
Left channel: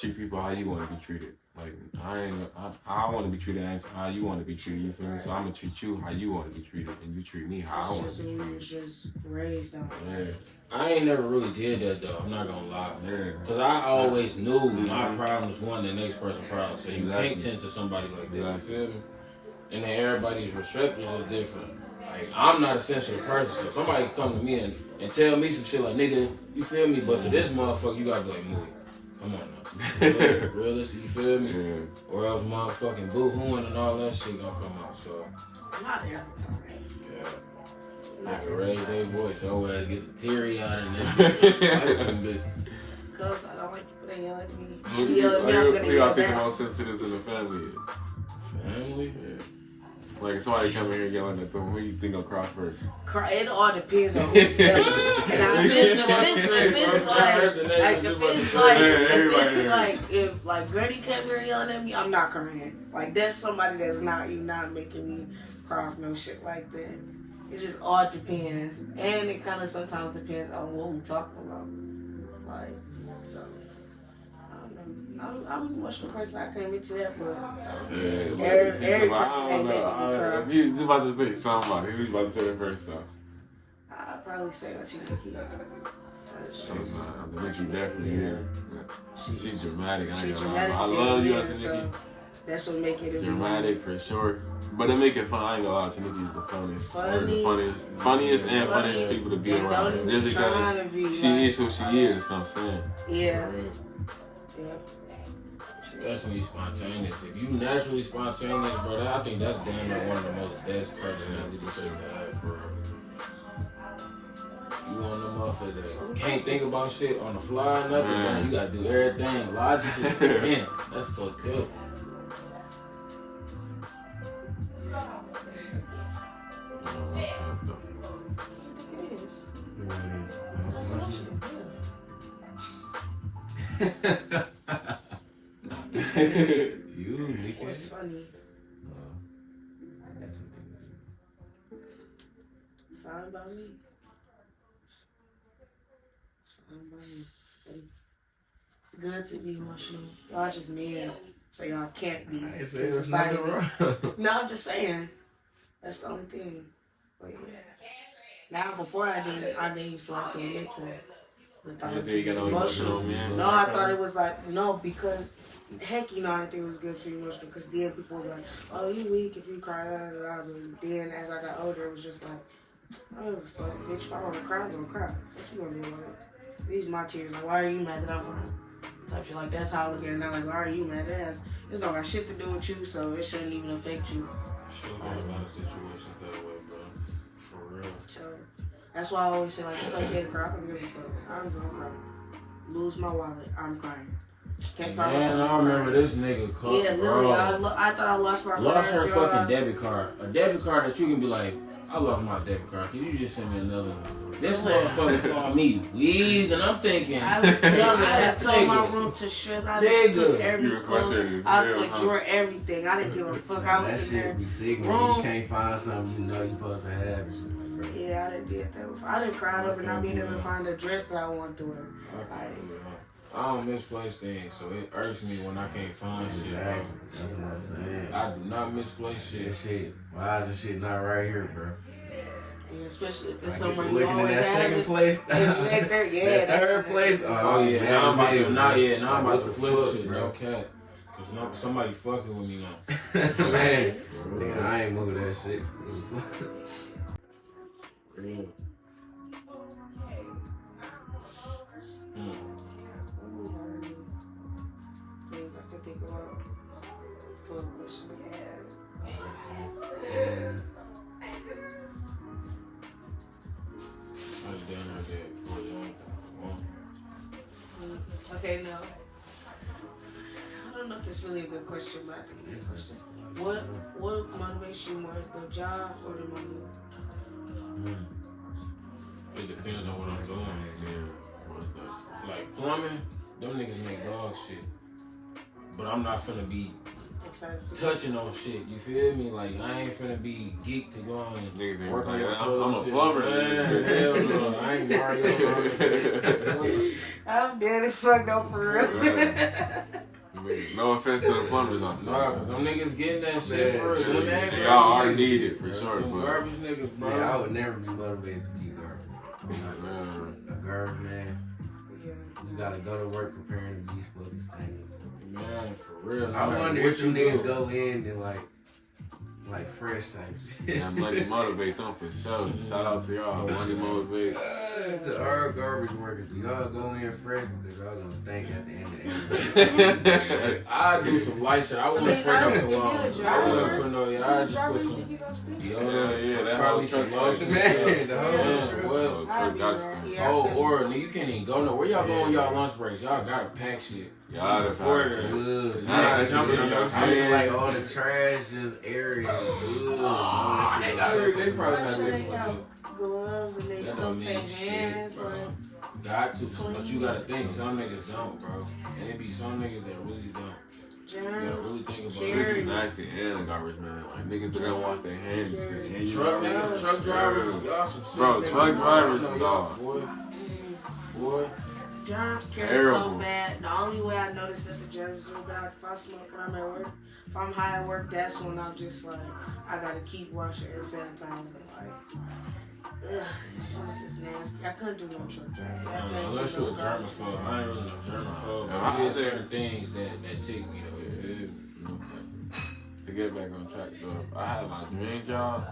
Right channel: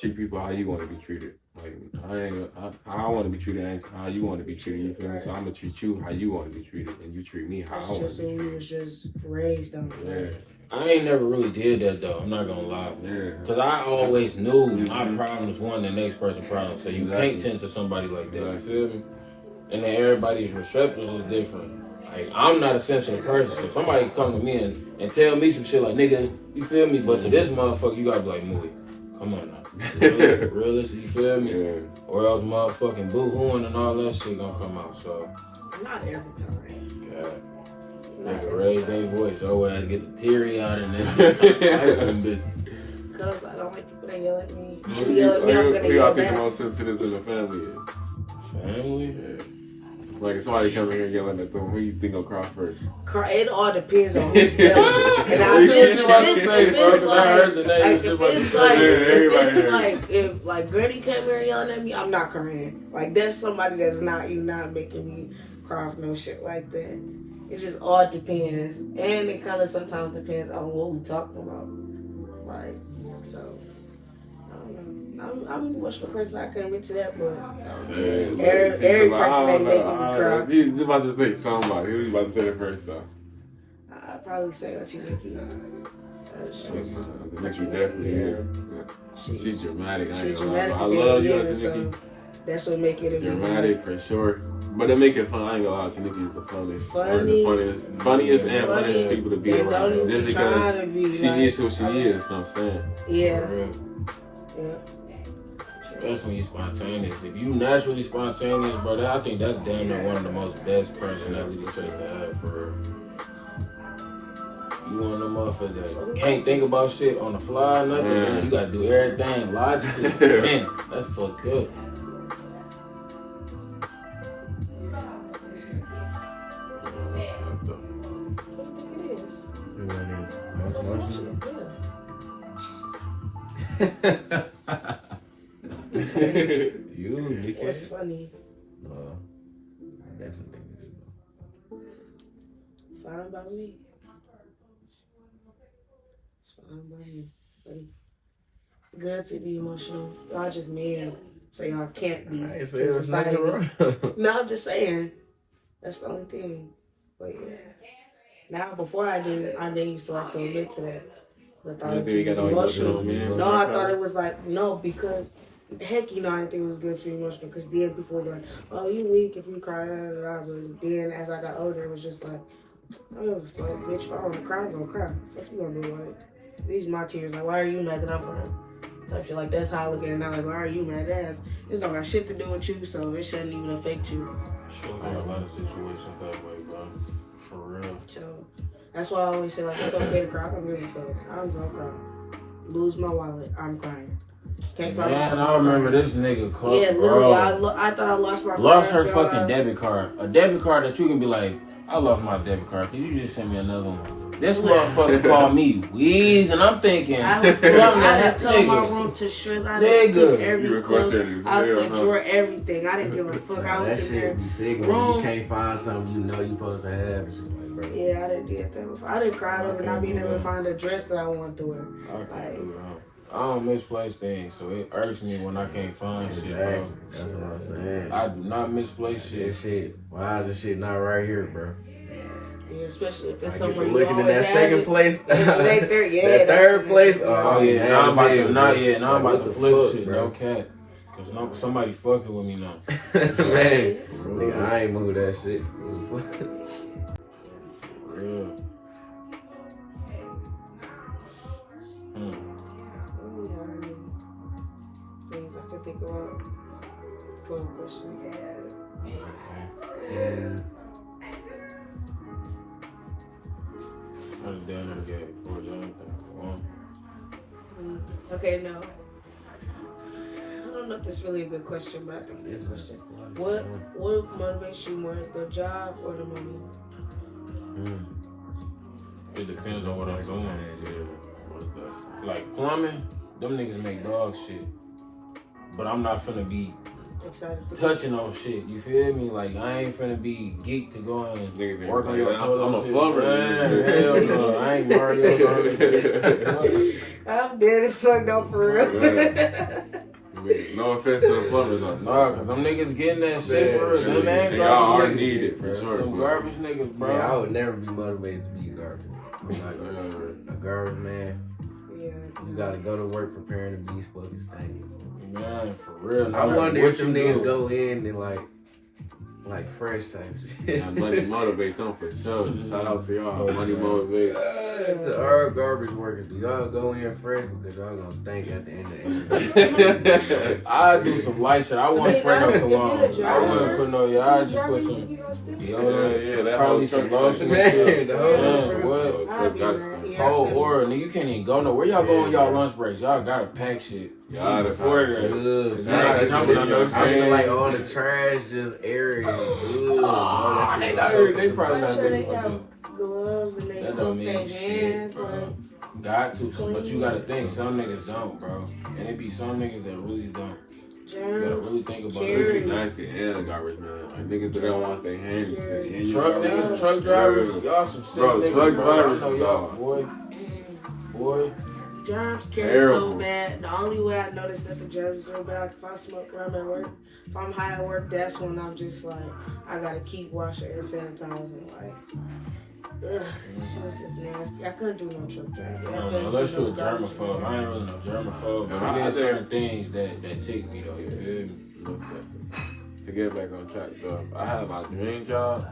Treat people how you want to be treated. Like I want to be treated ain't how you want to be treated. You feel me? So I'm gonna treat you how you want to be treated, and you treat me how I That's want just to be who treated. you was just raised on. Yeah. I ain't never really did that though. I'm not gonna lie. Yeah. Cause I always knew my problems wasn't the next person's problem. So you can't tend to somebody like that. You feel me? And then everybody's receptors is different. Like I'm not a sensitive person. So somebody come to me and tell me some shit like nigga, you feel me? But to this motherfucker, you gotta be like, move it. Come on now. Realistic, you feel me? Yeah. Or else motherfucking boo-hooing and all that shit gonna come out. So Not every time. They can raise their voice. Your ass get the teary out and then fight them bitches. Cause I don't like people that yell at me. If you yell at me, I'm gonna We yell got people back. more sensitives in the family. Family? Yeah. Like if somebody come in here yelling at them, who you think will cry first? It all depends on who's yelling. And if like Granny came here yelling at me, I'm not crying. Like that's somebody that's not making me cry for no shit like that. It just all depends, and it kind of sometimes depends on what we talking about. Like, so I don't know. I'm an emotional person. I can admit to that, but every person ain't making me cry. You was about to say somebody. Who you about to say the first stuff? I'd probably say Auntie Nikki. Nikki definitely. Yeah. She's dramatic. She's dramatic. I love you, Auntie so Nikki. that's what make it Dramatic for sure. But they make it fun. I ain't gonna lie, Auntie Nikki is the funniest. Funniest people to be around. Just because she is who she is, you know what I'm saying? Yeah. That's when you spontaneous. If you naturally spontaneous, brother, I think that's damn near one of the most best personalities to have for real. You one of them motherfuckers that can't think about shit on the fly or nothing. Man. You gotta do everything logically. Man, that's fucked up. What's funny? I definitely think it is. Fine by me. It's fine by me. It's good to be emotional. Y'all just men, so y'all can't be. Society. No, I'm just saying. That's the only thing. But yeah. Now, before I didn't used to like to admit to that. I thought it was emotional. No, I thought it was like, no, because heck, I didn't think it was good to be emotional. Because then people would be like, oh, you weak if you cry, da, da, da. But then as I got older, it was just like, oh, fuck, bitch, if I want to cry, I'm going to cry. Fuck you going to do with it? These are my tears. Like, why are you mad that I'm crying? Type shit. Like, that's how I look at it now. Like, why are you mad? It's not got shit to do with you, so it shouldn't even affect you. Sure, got a lot of situations that way, bro. For real. So, that's why I always say, like, it's okay to cry. I don't give a fuck. I'm going to cry. Lose my wallet. I'm crying. Can't find Man, I remember this nigga called. Yeah, literally, I thought I lost my card. Lost her fucking debit card. A debit card that you can be like, I lost my debit card. Could you just send me another one? This motherfucker called me Weez, and I'm thinking, I had told my room to shreds. I took every clothes out the drawer, everything. I didn't give a fuck. I was that in there. That shit be sick when you can't find something you know you supposed to have. Like, yeah, I didn't do that before. I didn't cry over not being able to find a dress that I want to wear. Like, I don't misplace things, so it irks me when I can't find shit. Bro. That's what I'm saying. I do not misplace shit. Why is this shit not right here, bro? Yeah, especially if it's somewhere you looking in that have second it. place. That third place. Oh yeah, now I'm about to flip shit, bro. No cat. Cause somebody fucking with me now. Man, nigga, I ain't move that shit. For real. Things I could think about. For a question, I can't have it. I was down in the game for Okay, no. I don't know if this is really a good question, but I think it's a good question. What motivates you more, the job or the money? It depends on what I'm doing. Yeah. Like plumbing, them niggas make dog shit. But I'm not finna be excited to touching on shit. You feel me? Like I ain't finna be geeked to go and work on your toilet. I'm a plumber. Hell no, I ain't Mario. I'm dead as fuck though, for real. No offense to the plumbers out there. Nah, cause them niggas getting that shit for real. Them ain't y'all already need it for sure. Them garbage niggas, bro. Yeah, I would never be motivated to be a garbage. I'm like, a garbage man. Yeah. You gotta go to work preparing to be fucking stank. Man, for real. I wonder if them you niggas do. go in and like fresh type shit. Yeah, money motivate them for sure. Shout out to y'all. Money motivate. To our garbage workers, do y'all go in fresh because y'all gonna stink at the end of the day? I do some light shit. I want to spray no cologne. I wouldn't put no. Yeah, I just put some deodorant. that Probably whole some truck lotion shit. and shit. The whole Yeah, I'll be gotta mad. stay. Yeah, I Whole can't- or nigga, you can't even go nowhere. Where y'all go on y'all lunch breaks? Y'all gotta pack shit. Y'all the Before pack that. shit. Ugh, Yeah, I that shit is your feel shit. like all the trash just airy. Ugh, that shit they so they probably Make not sure they doing have it. gloves and they That soak don't their mean hands. shit, bro. Like, Got to, but you gotta think. Some niggas don't, bro. And it be some niggas that really don't. You gotta really germs think about carry. it. Nasty and a garbage man. Like niggas that don't wash their hands. and shit. And truck niggas, truck drivers, y'all some sick Bro, niggas, truck bro. I drivers, know y'all, dog. boy. Germs carry Terrible. so bad. The only way I notice that the germs are bad, if I smoke and I'm at work, if I'm high at work, that's when I'm just like, I gotta keep washing and sanitizing. Like, ugh, it's just nasty. I couldn't do no truck driving. I couldn't Unless do you a no garbage germaphobe. man. I ain't really no germaphobe, No, but I there's think- certain things that tick me though, you feel me? To get back on track, though, I had my dream job.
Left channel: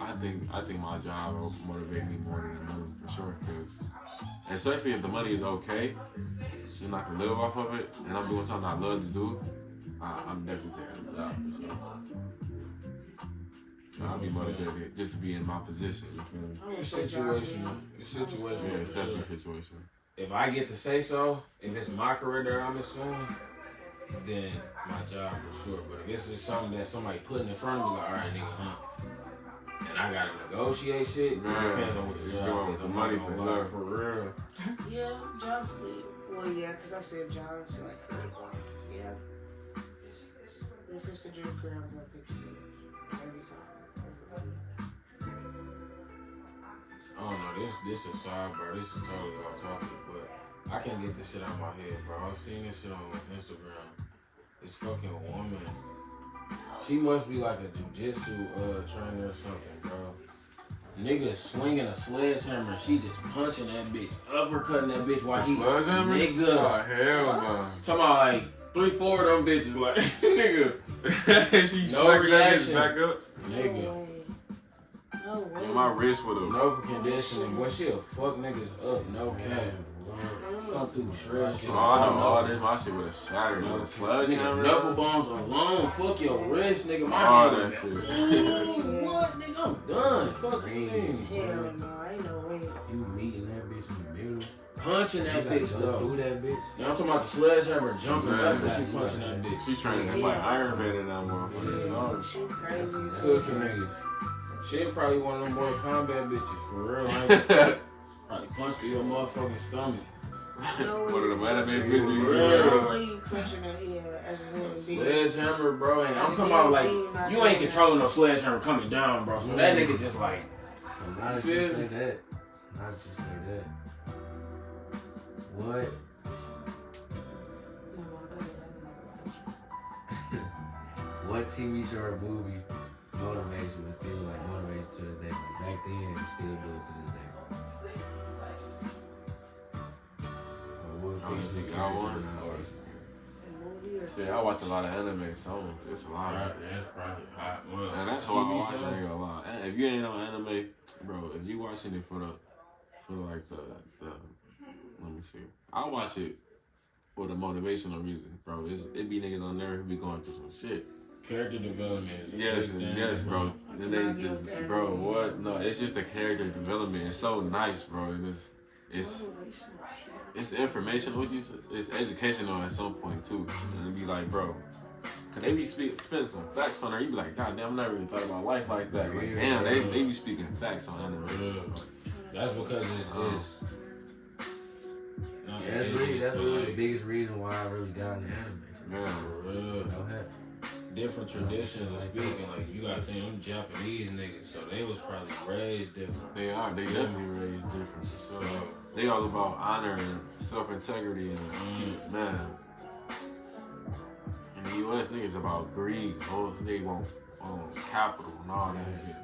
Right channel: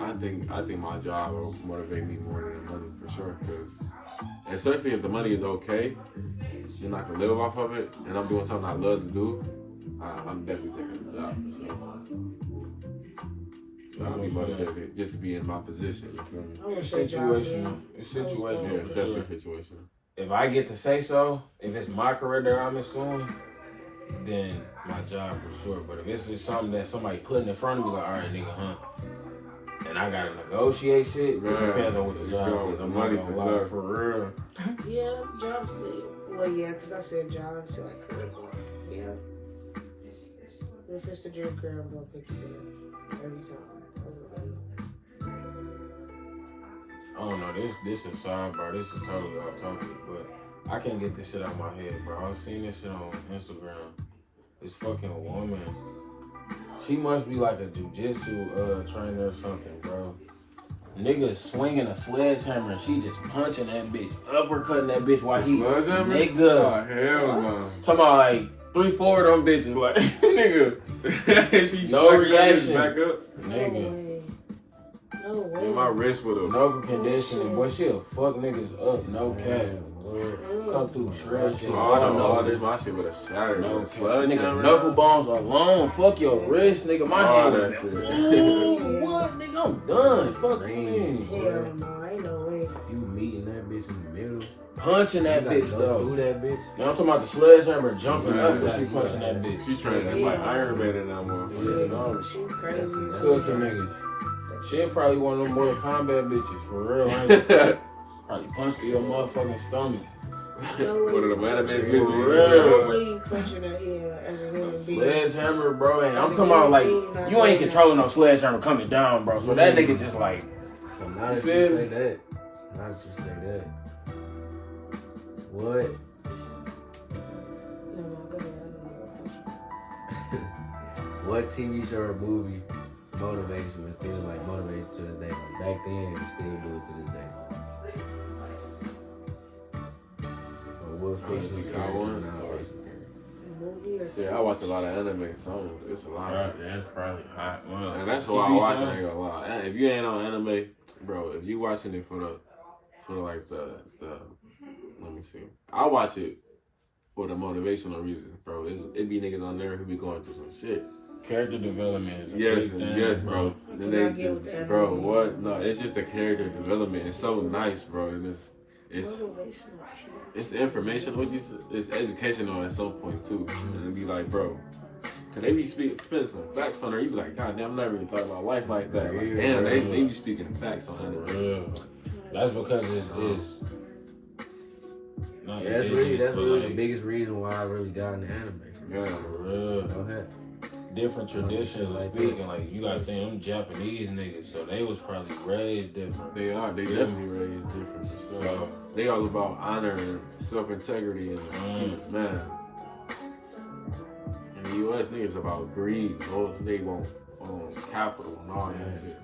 I think my job will motivate me more than the money for sure. Cause especially if the money is okay, and I can live off of it, and I'm doing something I love to do, I'm definitely taking the job for sure. So I'll be motivated just to be in my position. You feel me? I would It's say job, situational. yeah. It's Yeah, situational. it's definitely situational. If I get to say so, if it's my career that I'm assuming, then my job for sure. But if it's just something that somebody putting in front of me, like, all right, nigga, huh? And I gotta negotiate shit. It Man, depends on what the you job go is. with I'm the not money gonna for lie, sure. for real. Yeah, jobs big. Well, yeah, because I said jobs, so like career going. Yeah. If it's a dream career, I'm gonna pick the career every time. I don't know. This is sidebar. This is totally off topic, but I can't get this shit out of my head, bro. I was seeing this shit on Instagram. This fucking woman. She must be like a jujitsu trainer or something, bro. Nigga swinging a sledgehammer and she just punching that bitch, uppercutting that bitch while he Sledgehammer? nigga. Oh, hell no. Talking about like 3-4 of them bitches, like nigga, She No shrunk that reaction. bitch back up. No nigga, way. No way. My wrist with a no conditioning, boy. She'll fuck niggas up, no cap. Come to shred shit. all this, my shit would have shattered. No, With a sledgehammer. nigga, knuckle bones alone. Fuck your wrist, nigga. My All hand. that shit. What, nigga? I'm done. Fuck you. Hell no, ain't no way. You meeting that bitch in the middle. Punching that You gotta bitch go though. through that bitch. Now I'm talking about the sledgehammer jumping Man, up and you she gotta- punching that bitch. She trying to be like Iron Man in that motherfucker. Yeah, no. she crazy. as Cooking hell. niggas. She'll probably one of them Mortal Kombat bitches, for real. Ain't probably punched your motherfucking stomach. No way. One of them anime For hits. real. No way you punching that as a human being. Sledgehammer, bro. And I'm As a talking about human like, being, not you doing ain't that. controlling no sledgehammer coming down, bro. So that nigga just like, So now that you Feel say me? that, what? No, go ahead, I don't know. What TV show or movie motivates you and still like motivates you to this day? Like back then and still do it to this day. Or what Honestly, fiction I character want- or non-fiction character? Movie or Yeah, I watch a lot of anime, so it's a lot of. that's probably hot. Well, And that's why I TV watch it. show? I ain't gonna lie. If you ain't on anime, bro, if you watching it for like the let me see. I watch it for the motivational reasons, bro. It be niggas on there who be going through some shit. Character development is a Yes, big thing, yes, bro. What can I get with the Bro, anime? what? No, it's just the character development. It's so nice, bro. And it's Motivational TV. it's informational. It's educational at some point too. And it be like, bro, cause they be spitting some facts on there. You be like, God damn, I never even thought about life like that. Like, Yeah, damn, they yeah. be speaking facts on anime. Yeah. That's because it's not Yeah, that's business, really but, the like, biggest reason why I really got into anime. Yeah. for real. No hat. Different traditions of Like speaking. Like you gotta think them Japanese niggas, so they was probably raised different. They are. They definitely raised different for sure. So, They all about honor and self-integrity and man. In the U.S., niggas about greed. Oh, they want capital and all that shit. It's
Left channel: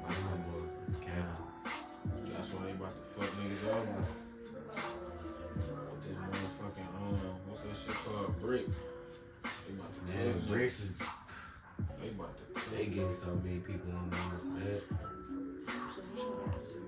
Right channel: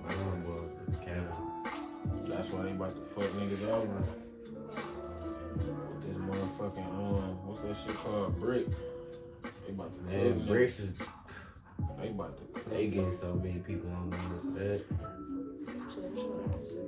That's why they about to fuck niggas over. This motherfucking, what's that shit called? Brick. They about to Man, cook bricks is niggas. They about to cook. they getting so many people on board for that. So what you want to say?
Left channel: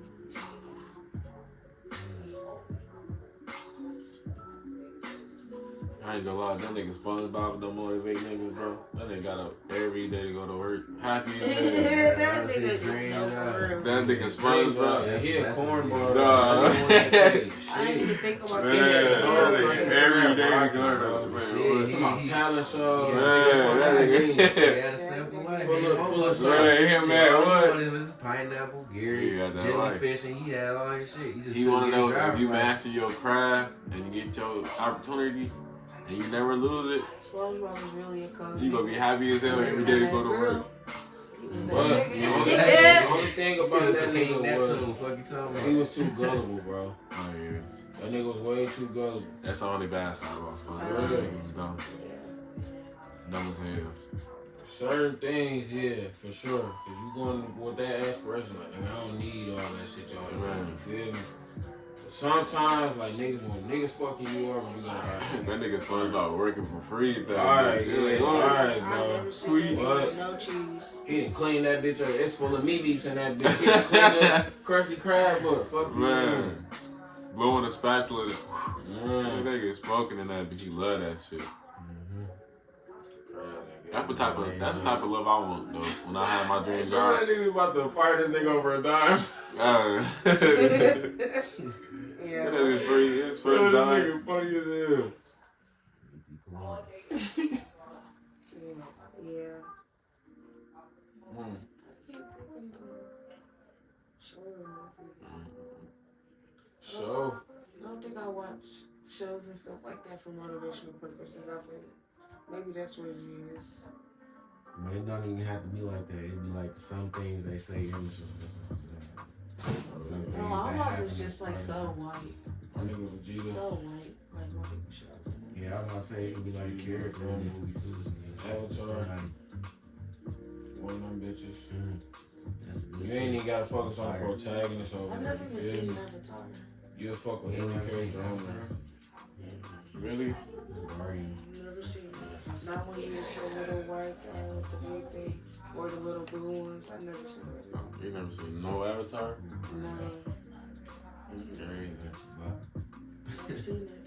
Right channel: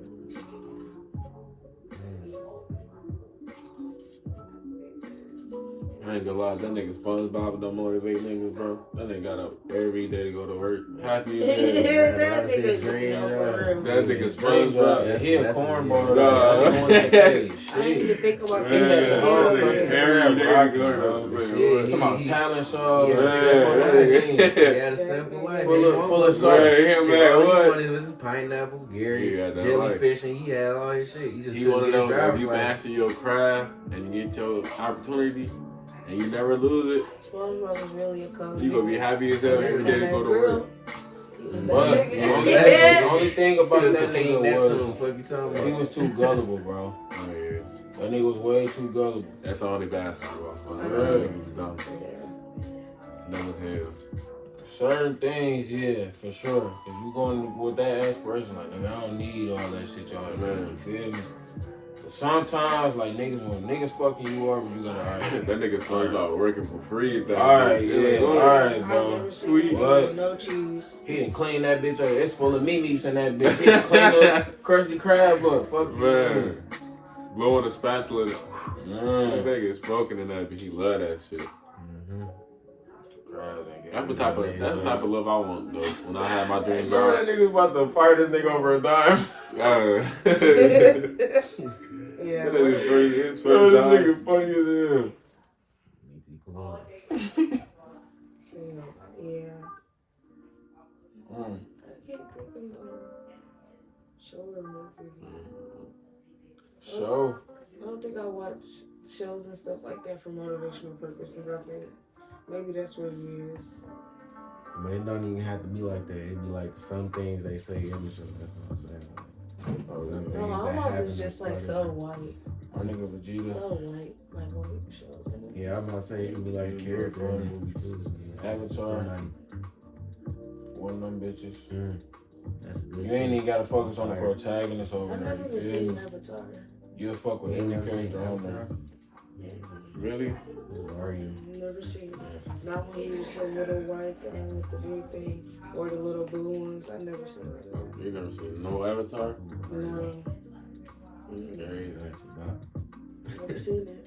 I ain't gonna lie, that nigga SpongeBob don't motivate niggas, bro. That nigga got up every day to go to work. Happy as hell. That That's his nigga, dream, no, yeah. for real. That nigga SpongeBob. He a That's- cornball. Nah. I didn't even think about Man, that shit. that Hell nigga yeah. every day to go to Bro. work. Shit, Talking about talent shows. Yeah, that nigga. He had a simple life. Full of Right, him, Shit, man, all he what? wanted was his pineapple, Gary, He had that jellyfish, and he had all his shit. He just He couldn't wanna get his know if driver's you license. master your craft and you get your opportunity and you never lose it, SpongeBob was really a cold you gonna be happy as hell every day to go to work. He was that But the nigga. only thing about He was that the king nigga Neptune. was Fuck you talking he about? was too gullible, bro. Oh yeah. That nigga was way too gullible. That's the only bad side about SpongeBob. Yeah. That nigga was dumb. Dumb as hell. Certain things, yeah, for sure. If you going with that aspiration, like, nigga, I don't need all that shit y'all do. Man. You feel me? But sometimes, like, when niggas fucking you over, you gotta, alright. That nigga SpongeBob working for free. Alright, yeah, alright, I've bro. never seen Sweet. that nigga with no cheese. He didn't clean that bitch up. It's full of meat in that bitch. He didn't clean the Krusty Krab up. Fuck you. Man. Blowing the spatula. That Man. nigga smoking in that bitch. He love that shit. That's the type of love I want though. When I have my dream Remember job. that nigga was about to fire this nigga over a dime? Yeah. That is free. It's This first time. nigga funny as hell. Yeah. Mm. Shoulder movie. So, I don't think I watch shows and stuff like that for motivational purposes. I think maybe that's what it is. But it don't even have to be like that. It'd be like some things they say in the show. That's what I'm saying. Some things No, that almost happen is just like part of so it. white. my nigga Vegeta. So white. Like white shows. Yeah, I'm gonna say it could be like a character in the movie too. Avatar. Somebody. One of them bitches. That's a good. You ain't even gotta focus on the Fire. protagonist over I've there. never You even feel seen me? Avatar. You'll fuck with You ain't any never seen character Avatar? ever. Really? Who are you? Never seen it. Not when he was the little white guy with the big thing or the little blue ones. I've never seen it. You never seen no Avatar? No. There is about. Never seen it.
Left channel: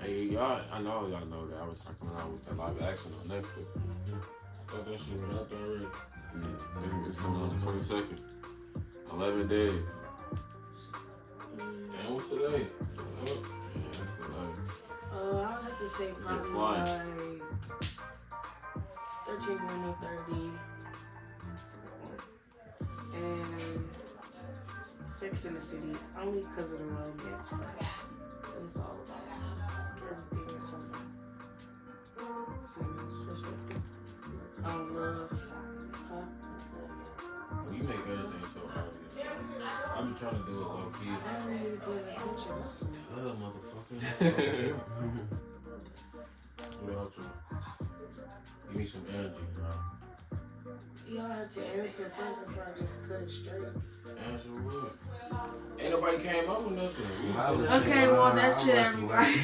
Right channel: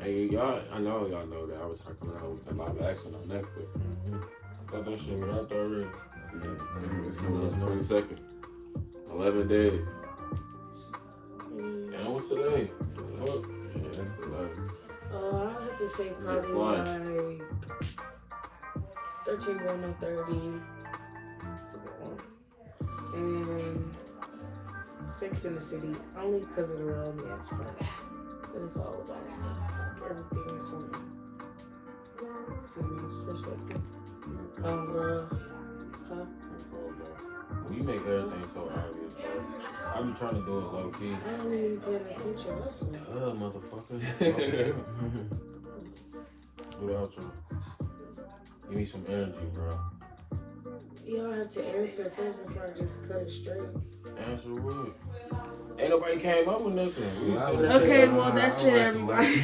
Hey, y'all, I know y'all know that Avatar coming out with the live action on Netflix. I thought that shit was out there already. Yeah, it's coming on the 22nd. 11 days. And what's today? The fuck? Yeah, that's 11. I have to say probably flying? like 13 going on 30. It's a good one. And Sex in the City, only because of the romance part. And it's all about like everything is from female's perspective. Love. Huh? You make everything so obvious, bro. I be trying to do it low key. I don't even pay attention. That's all. Motherfucker. Without you. Give me some energy, bro. Y'all have to answer first before I just cut it straight. Answer what? Ain't nobody came up with nothing. Well, I was Okay, saying, well, that's it, everybody.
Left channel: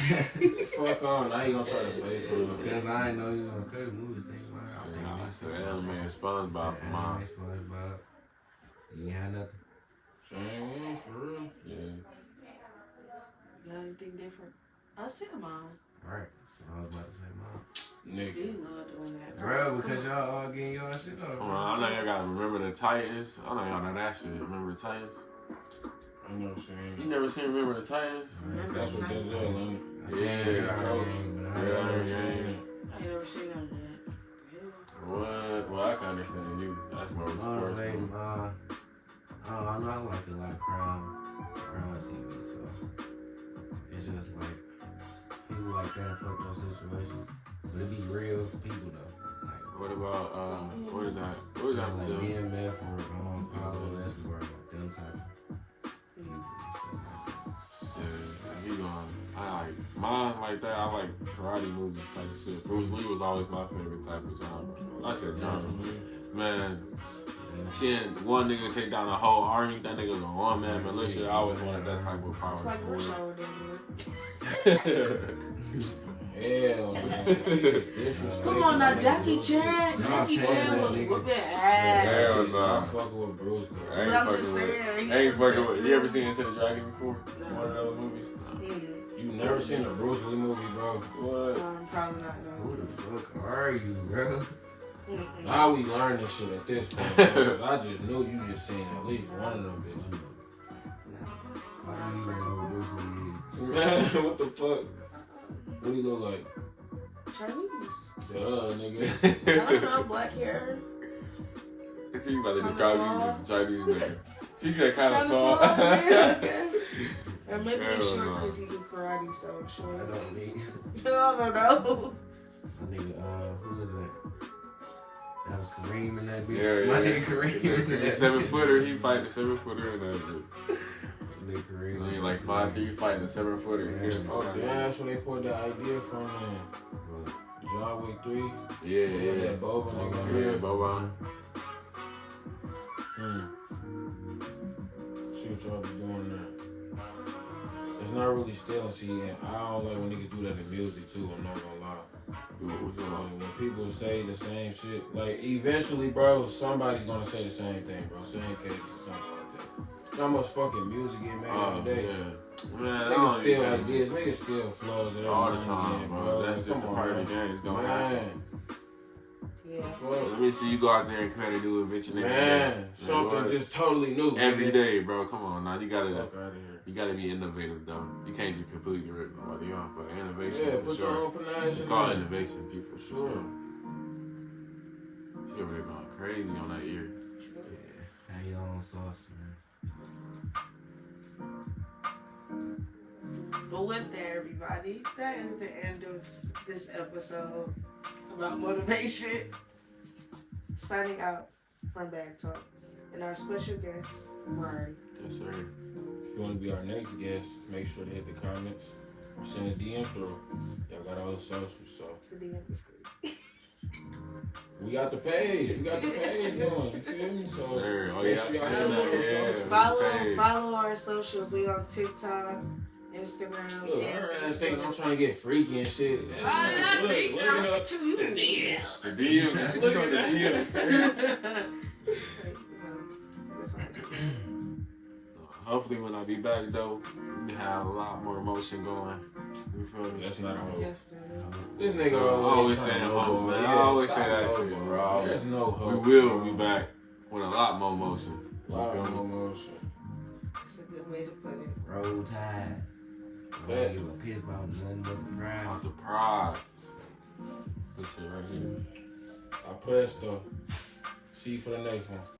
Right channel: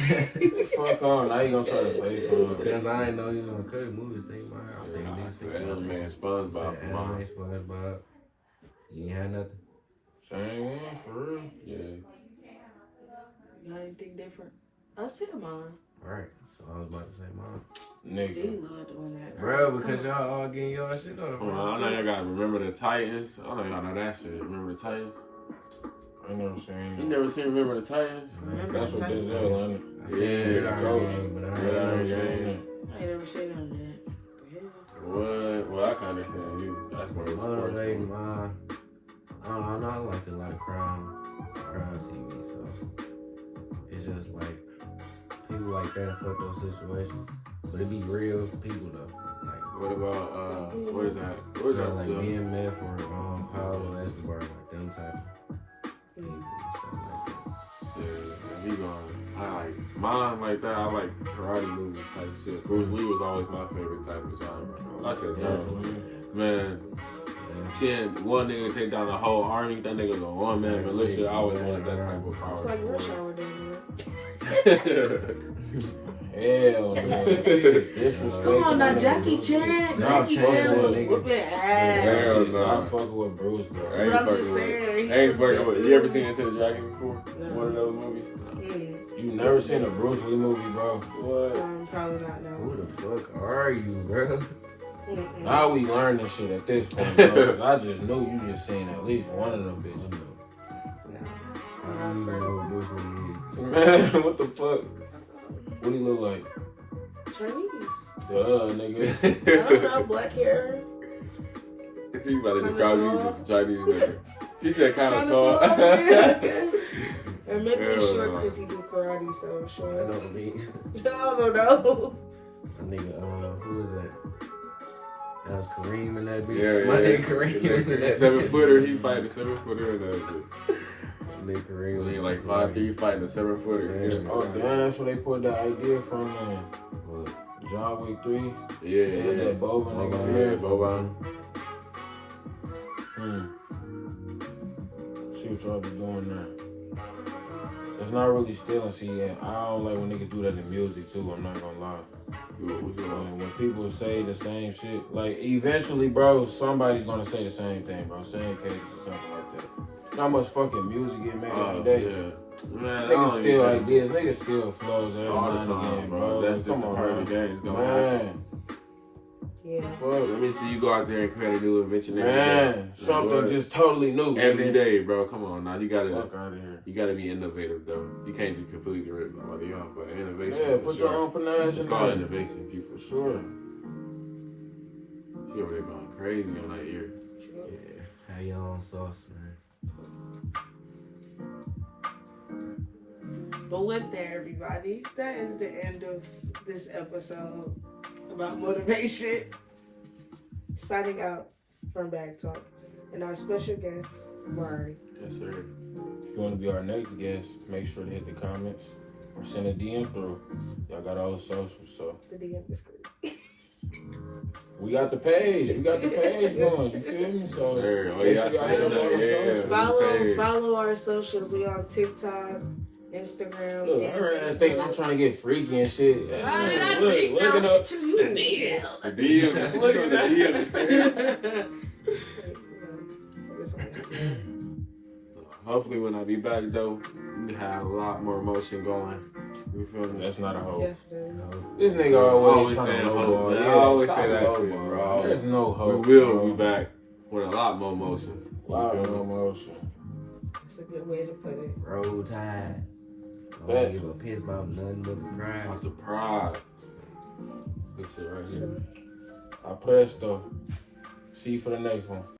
Fuck on. Now you gonna try to say something. Because I didn't know you was gonna cut the movies. Think about it. I think I niggas said think anime and SpongeBob for anime, mine. SpongeBob. You ain't had nothing. Same one, for real. Yeah. Got anything different? I see mine. Right. So I was about to say, Mom. Nigga. You love doing that. Bro, because y'all all getting y'all shit on. Hold on, I know y'all gotta remember the Titans. I know y'all know that shit. Remember the Titans? I never seen You it. never seen Remember the Titans? Remember That's the what time? Denzel, ain't it? I seen Yeah, it on Coach. game, but I Yeah, ain't Iron seen it. Man. I ain't never seen none of that. The hell? What? Well, I can understand you. That's more Motivating, sports. I don't know. I like a lot of crime TV, so it's just like people like that in fucked up situations, but it be real people though. Like What about, what is that? What is that? like BMF or Pablo Escobar, like them type of people and stuff like that. Shit, if you going, I like mine like that. I like karate movies type shit. Bruce Lee was always my favorite type of genre. I said genre, man. Seeing one nigga take down a whole army, that nigga's a one-man militia. I always wanted that type of power. It's like rush hour down Hell no. there. Come on now, Jackie Chan. Jackie Chan was whooping ass. Hell no. I'm fucking with Bruce, bro. But I'm just saying. Ain't fucking with. You ever seen Into the Dragon before? No. One of those movies? You never seen a Bruce Lee movie, bro? What? Probably not, no. Who the fuck are you, bro? Now we learning shit at this point, bro. 'Cause I just knew you just seen at least one of them bitches. I don't even know what Bruce Lee is. Man, what the fuck? What do he look like? Chinese. Duh, nigga. I don't know, black hair. So you about to Kinda describe you tall. as a Chinese nigga. She said kind of Kinda tall. tall, yeah, I guess. Or maybe he's Hell short no. because he do karate, so I short. don't need. I don't know. That nigga, who was that? That was Kareem in that bitch. Yeah, My yeah. nigga Kareem was in that 7-footer. He fighting a 7-footer in that bitch. Nigga Kareem. He ain't like 5'3", fighting a 7-footer. Yeah. Oh, damn, that's where they put that idea from, man. What? John Wick 3. Yeah, They had that Boba nigga. Yeah, Boba. See what y'all be doing there. It's not really stealing, see, and I don't like when niggas do that in music, too. I'm not gonna lie. What you want? When people say the same shit, like eventually, bro, somebody's gonna say the same thing, bro. Same case or something like that. How much fucking music get made every day? Yeah. Man, I Niggas don't steal even- ideas, niggas steal flows every all the now and time, again, bro. That's just a Come on, part of the bro. game. It's gonna happen. Man, Yeah. fuck. Let me see you go out there and create a new invention every Man, day. something What? just totally new. Every nigga. day, bro. Come on, now you gotta Fuck out of here. be innovative though. You can't just completely rip nobody off, but innovation. Yeah, for put sure. your own panache It's in called there. innovation, people. For sure. She over there going crazy on that ear. Yeah. How your own sauce, man. But with that, everybody, that is the end of this episode about motivation. Signing out from Bag Talk. And our special guest, Mari. Yes, sir. If you want to be our next guest, make sure to hit the comments or send a DM through. Y'all got all the socials, so. The DM is great. We got the page. We got the page going. You feel me? Yes, So, sir. Oh, make yeah, sure y'all I hit see up that. on the Yeah, socials. yeah. Follow our socials. We on TikTok, Instagram, Look, and I heard that thing. I'm Facebook. trying to get freaky and shit. Why did I Look, think look that it up. with you? The DM. Look at that. So, you know, it's nice. Hopefully, when I be back though, we have a lot more emotion going. You feel me? That's not a hope. Definitely. This nigga always trying saying to hope, hope, man. man. I always Stop say that hoping, shit, bro. There's no hope. We will bro. be back with a lot more emotion. You Wow, feel no me? emotion. That's a good way to put it. Roll Tide. I don't give a piss about nothing but the pride. About the pride. This shit right here. I pressed though. See you for the next one.